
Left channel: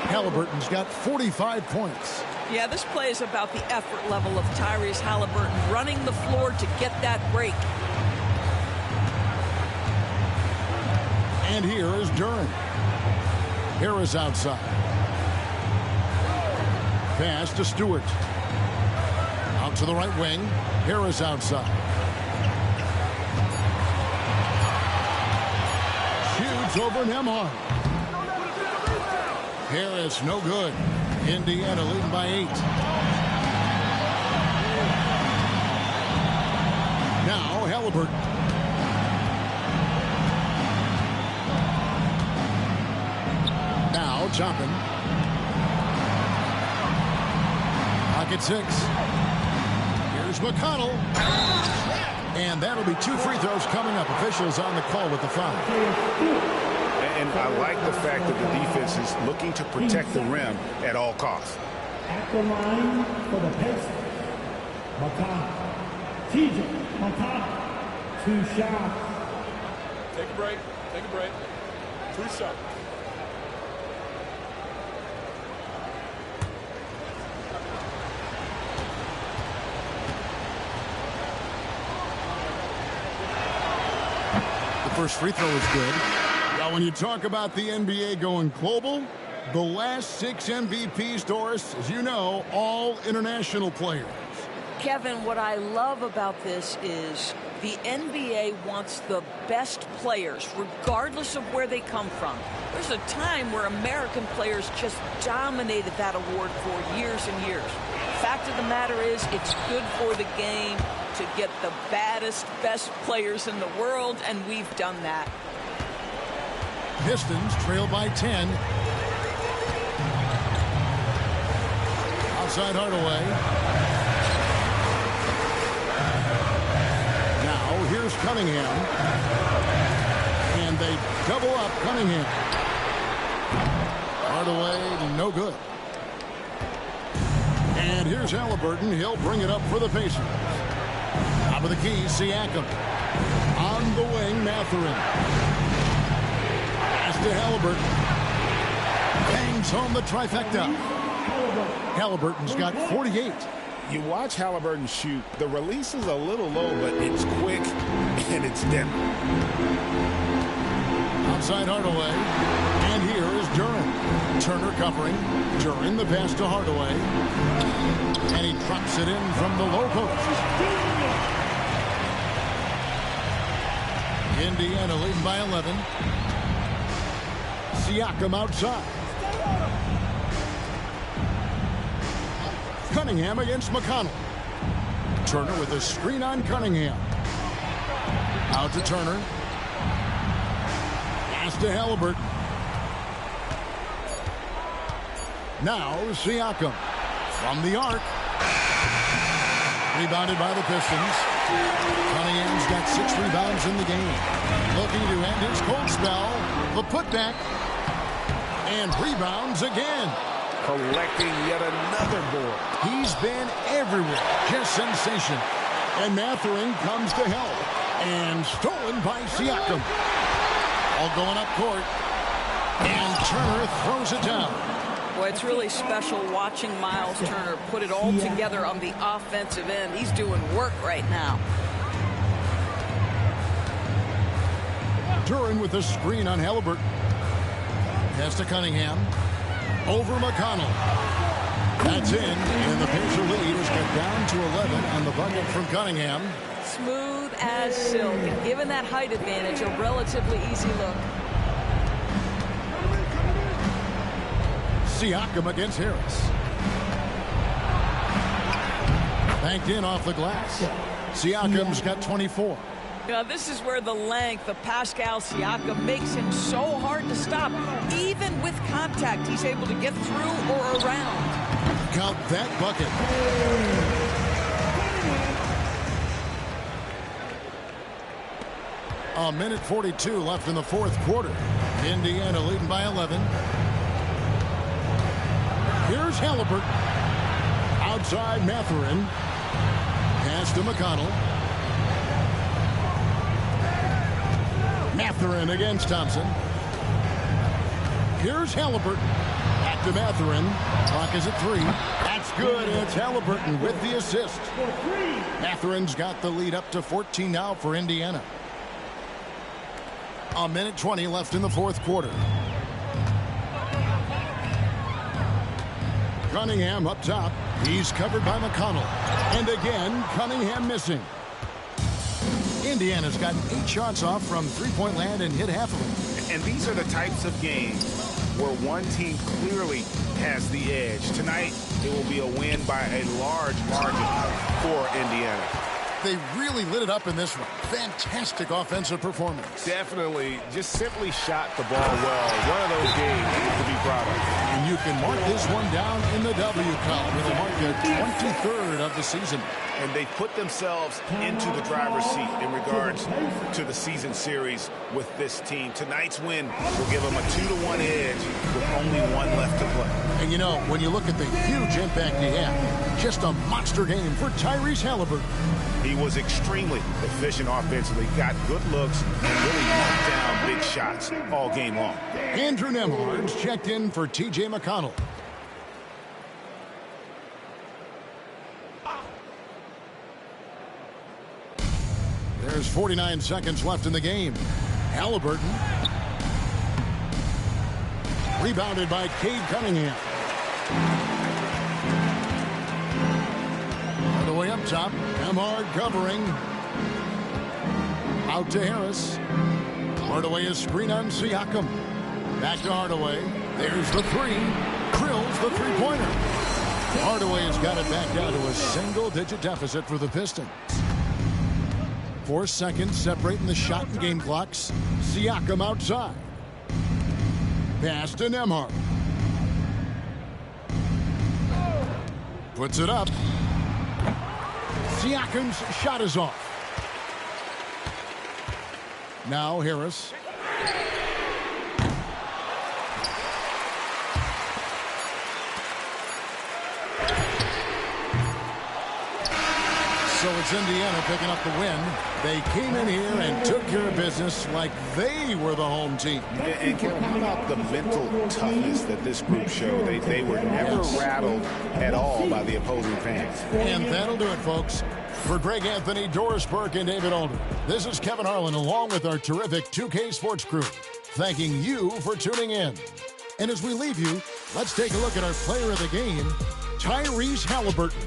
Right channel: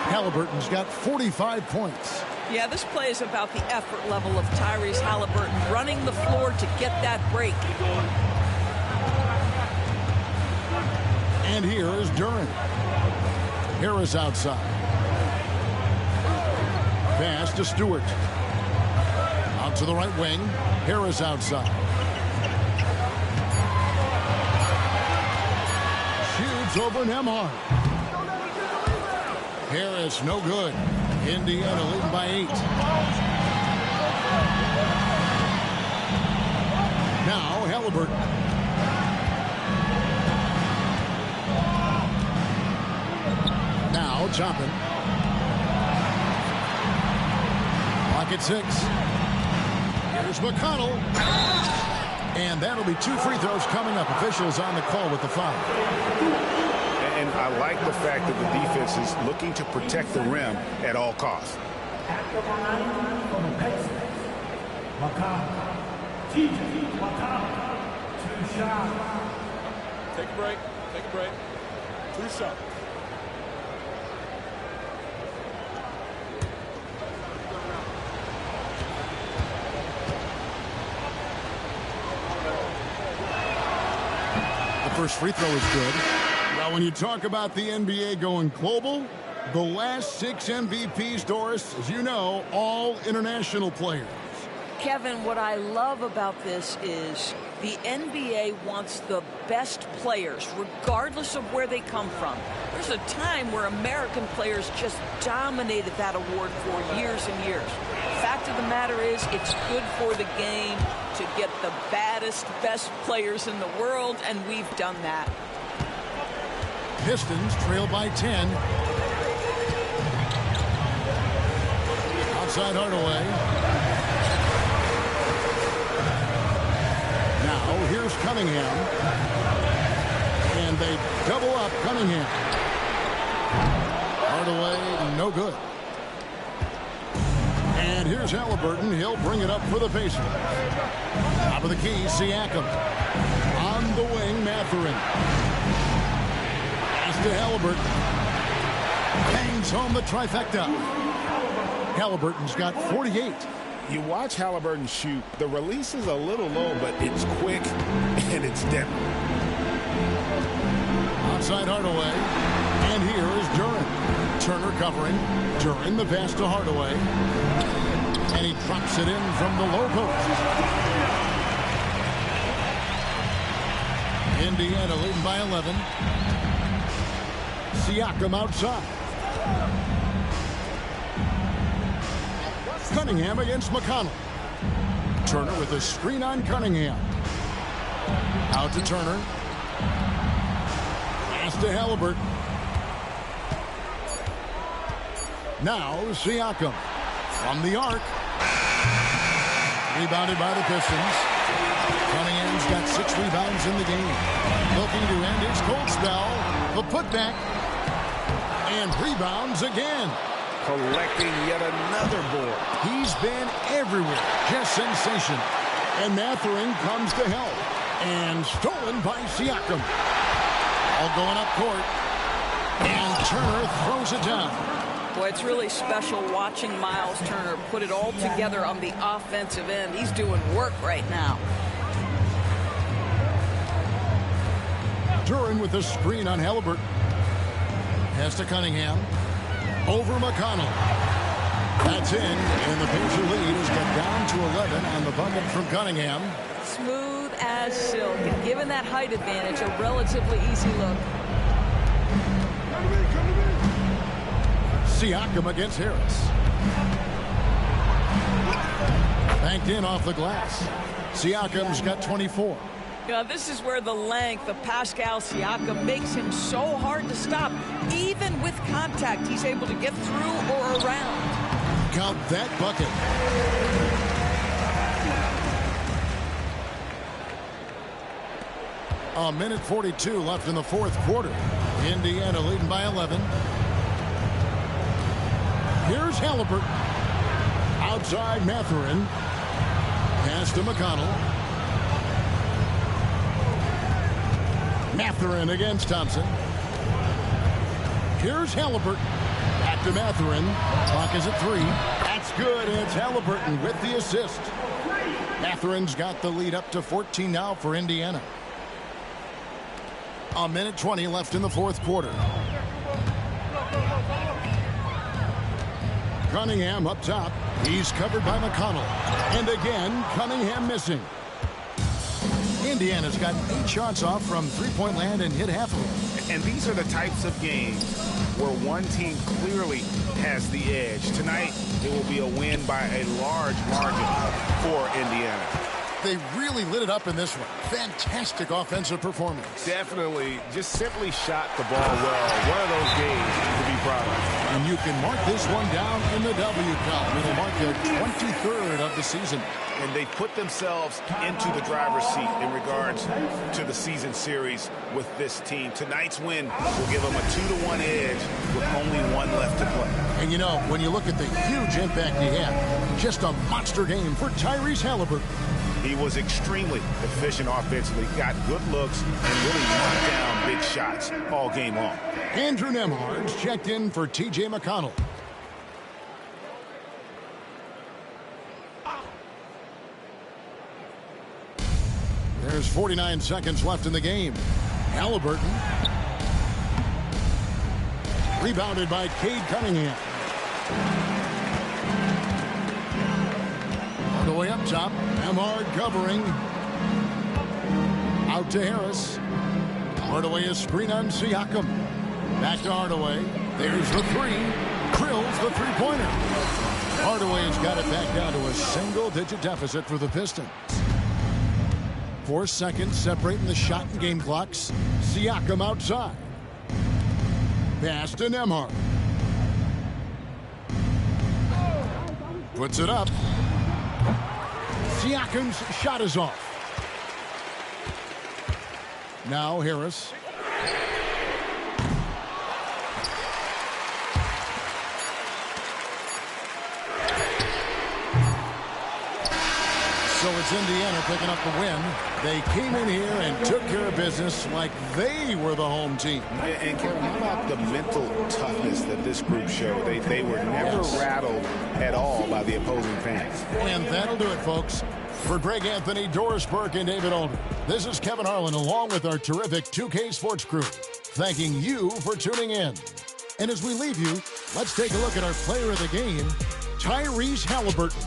Halliburton's got 45 points. Yeah, this play is about the effort level of Tyrese Halliburton running the floor to get that break. And here is Duren. Harris outside. Pass to Stewart. Out to the right wing. Harris outside. Shoots over Nembhard. Harris, no good. Indiana leading by 8. Now Halliburton. Now Toppin. Clock at 6. Here's McConnell. And that'll be 2 free throws coming up. Officials on the call with the foul. And I like the fact that the defense is looking to protect the rim at all costs. At the line for the Pistons, TJ McConnell, 2 shots. Take a break. Take a break. 2 shots. The first free throw is good. Now, when you talk about the NBA going global, the last 6 MVPs, Doris, as you know, all international players. Kevin, what I love about this is the NBA wants the best players, regardless of where they come from. There's a time where American players just dominated that award for years and years. Fact of the matter is, it's good for the game to get the baddest, best players in the world, and we've done that. Pistons trail by 10. Outside Hardaway. Now, here's Cunningham. And they double up Cunningham. Hardaway, no good. And here's Halliburton. He'll bring it up for the Pacers. Top of the key, Siakam. On the wing, Mathurin. Pass to Halliburton. Bangs home the trifecta. Halliburton's got 48. You watch Halliburton shoot. The release is a little low, but it's quick and it's deadly. Outside Hardaway. And here is Duren. Turner covering. Duren the pass to Hardaway. And he drops it in from the low post. Indiana leading by 11. Siakam outside. Cunningham against McConnell. Turner with a screen on Cunningham. Out to Turner. Pass to Halliburton. Now Siakam from the arc. Rebounded by the Pistons. Cunningham's got 6 rebounds in the game. Looking to end his cold spell. The putback. And rebounds again. Collecting yet another board. He's been everywhere. Just sensation. And Mathurin comes to help. And stolen by Siakam. All going up court. And Turner throws it down. Boy, it's really special watching Miles Turner put it all together on the offensive end. He's doing work right now. Duren with a screen on Halliburton. Pass to Cunningham. Over McConnell. That's in, and the Pacer lead has got down to 11 on the bucket from Cunningham. Smooth as silk, and given that height advantage, a relatively easy look. Siakam against Harris. Banked in off the glass. Siakam's got 24. You know, this is where the length of Pascal Siakam makes him so hard to stop. Even with contact, he's able to get through or around. Count that bucket. A minute 42 left in the fourth quarter. Indiana leading by 11. Here's Halliburton. Outside Mathurin. Pass to McConnell. Mathurin against Thompson. Here's Halliburton. Back to Mathurin. Clock is at 3. That's good, and it's Halliburton with the assist. Mathurin's got the lead up to 14 now for Indiana. A minute 20 left in the fourth quarter. Cunningham up top. He's covered by McConnell. And again, Cunningham missing. Indiana's got 8 shots off from three-point land and hit half of them. And these are the types of games where one team clearly has the edge. Tonight, it will be a win by a large margin for Indiana. they really lit it up in this one. Fantastic offensive performance. Definitely. Just simply shot the ball well. One of those games to be proud of. And you can mark this one down in the W column. It'll mark their 23rd of the season. And they put themselves into the driver's seat in regards to the season series with this team. Tonight's win will give them a 2-1 edge with only one left to play. And you know, when you look at the huge impact he had, just a monster game for Tyrese Halliburton. He was extremely efficient offensively, got good looks, and really knocked down big shots all game long. Andrew Nembhard's checked in for T.J. McConnell. There's 49 seconds left in the game. Halliburton. Rebounded by Cade Cunningham. Hardaway up top. Nembhard covering. Out to Harris. Hardaway is screen on Siakam. Back to Hardaway. There's the three. Drills the three-pointer. Hardaway has got it back down to a single-digit deficit for the Pistons. 4 seconds separating the shot and game clocks. Siakam outside. Pass to Nembhard. Puts it up. Siakam's shot is off. Now Harris. So it's Indiana picking up the win. They came in here and took care of business like they were the home team. And Kevin, how about the mental toughness that this group showed? They were never rattled at all by the opposing fans. And that'll do it, folks. For Greg Anthony, Doris Burke, and David Alder, this is Kevin Harlan along with our terrific 2K Sports crew, thanking you for tuning in. And as we leave you, let's take a look at our player of the game, Tyrese Halliburton.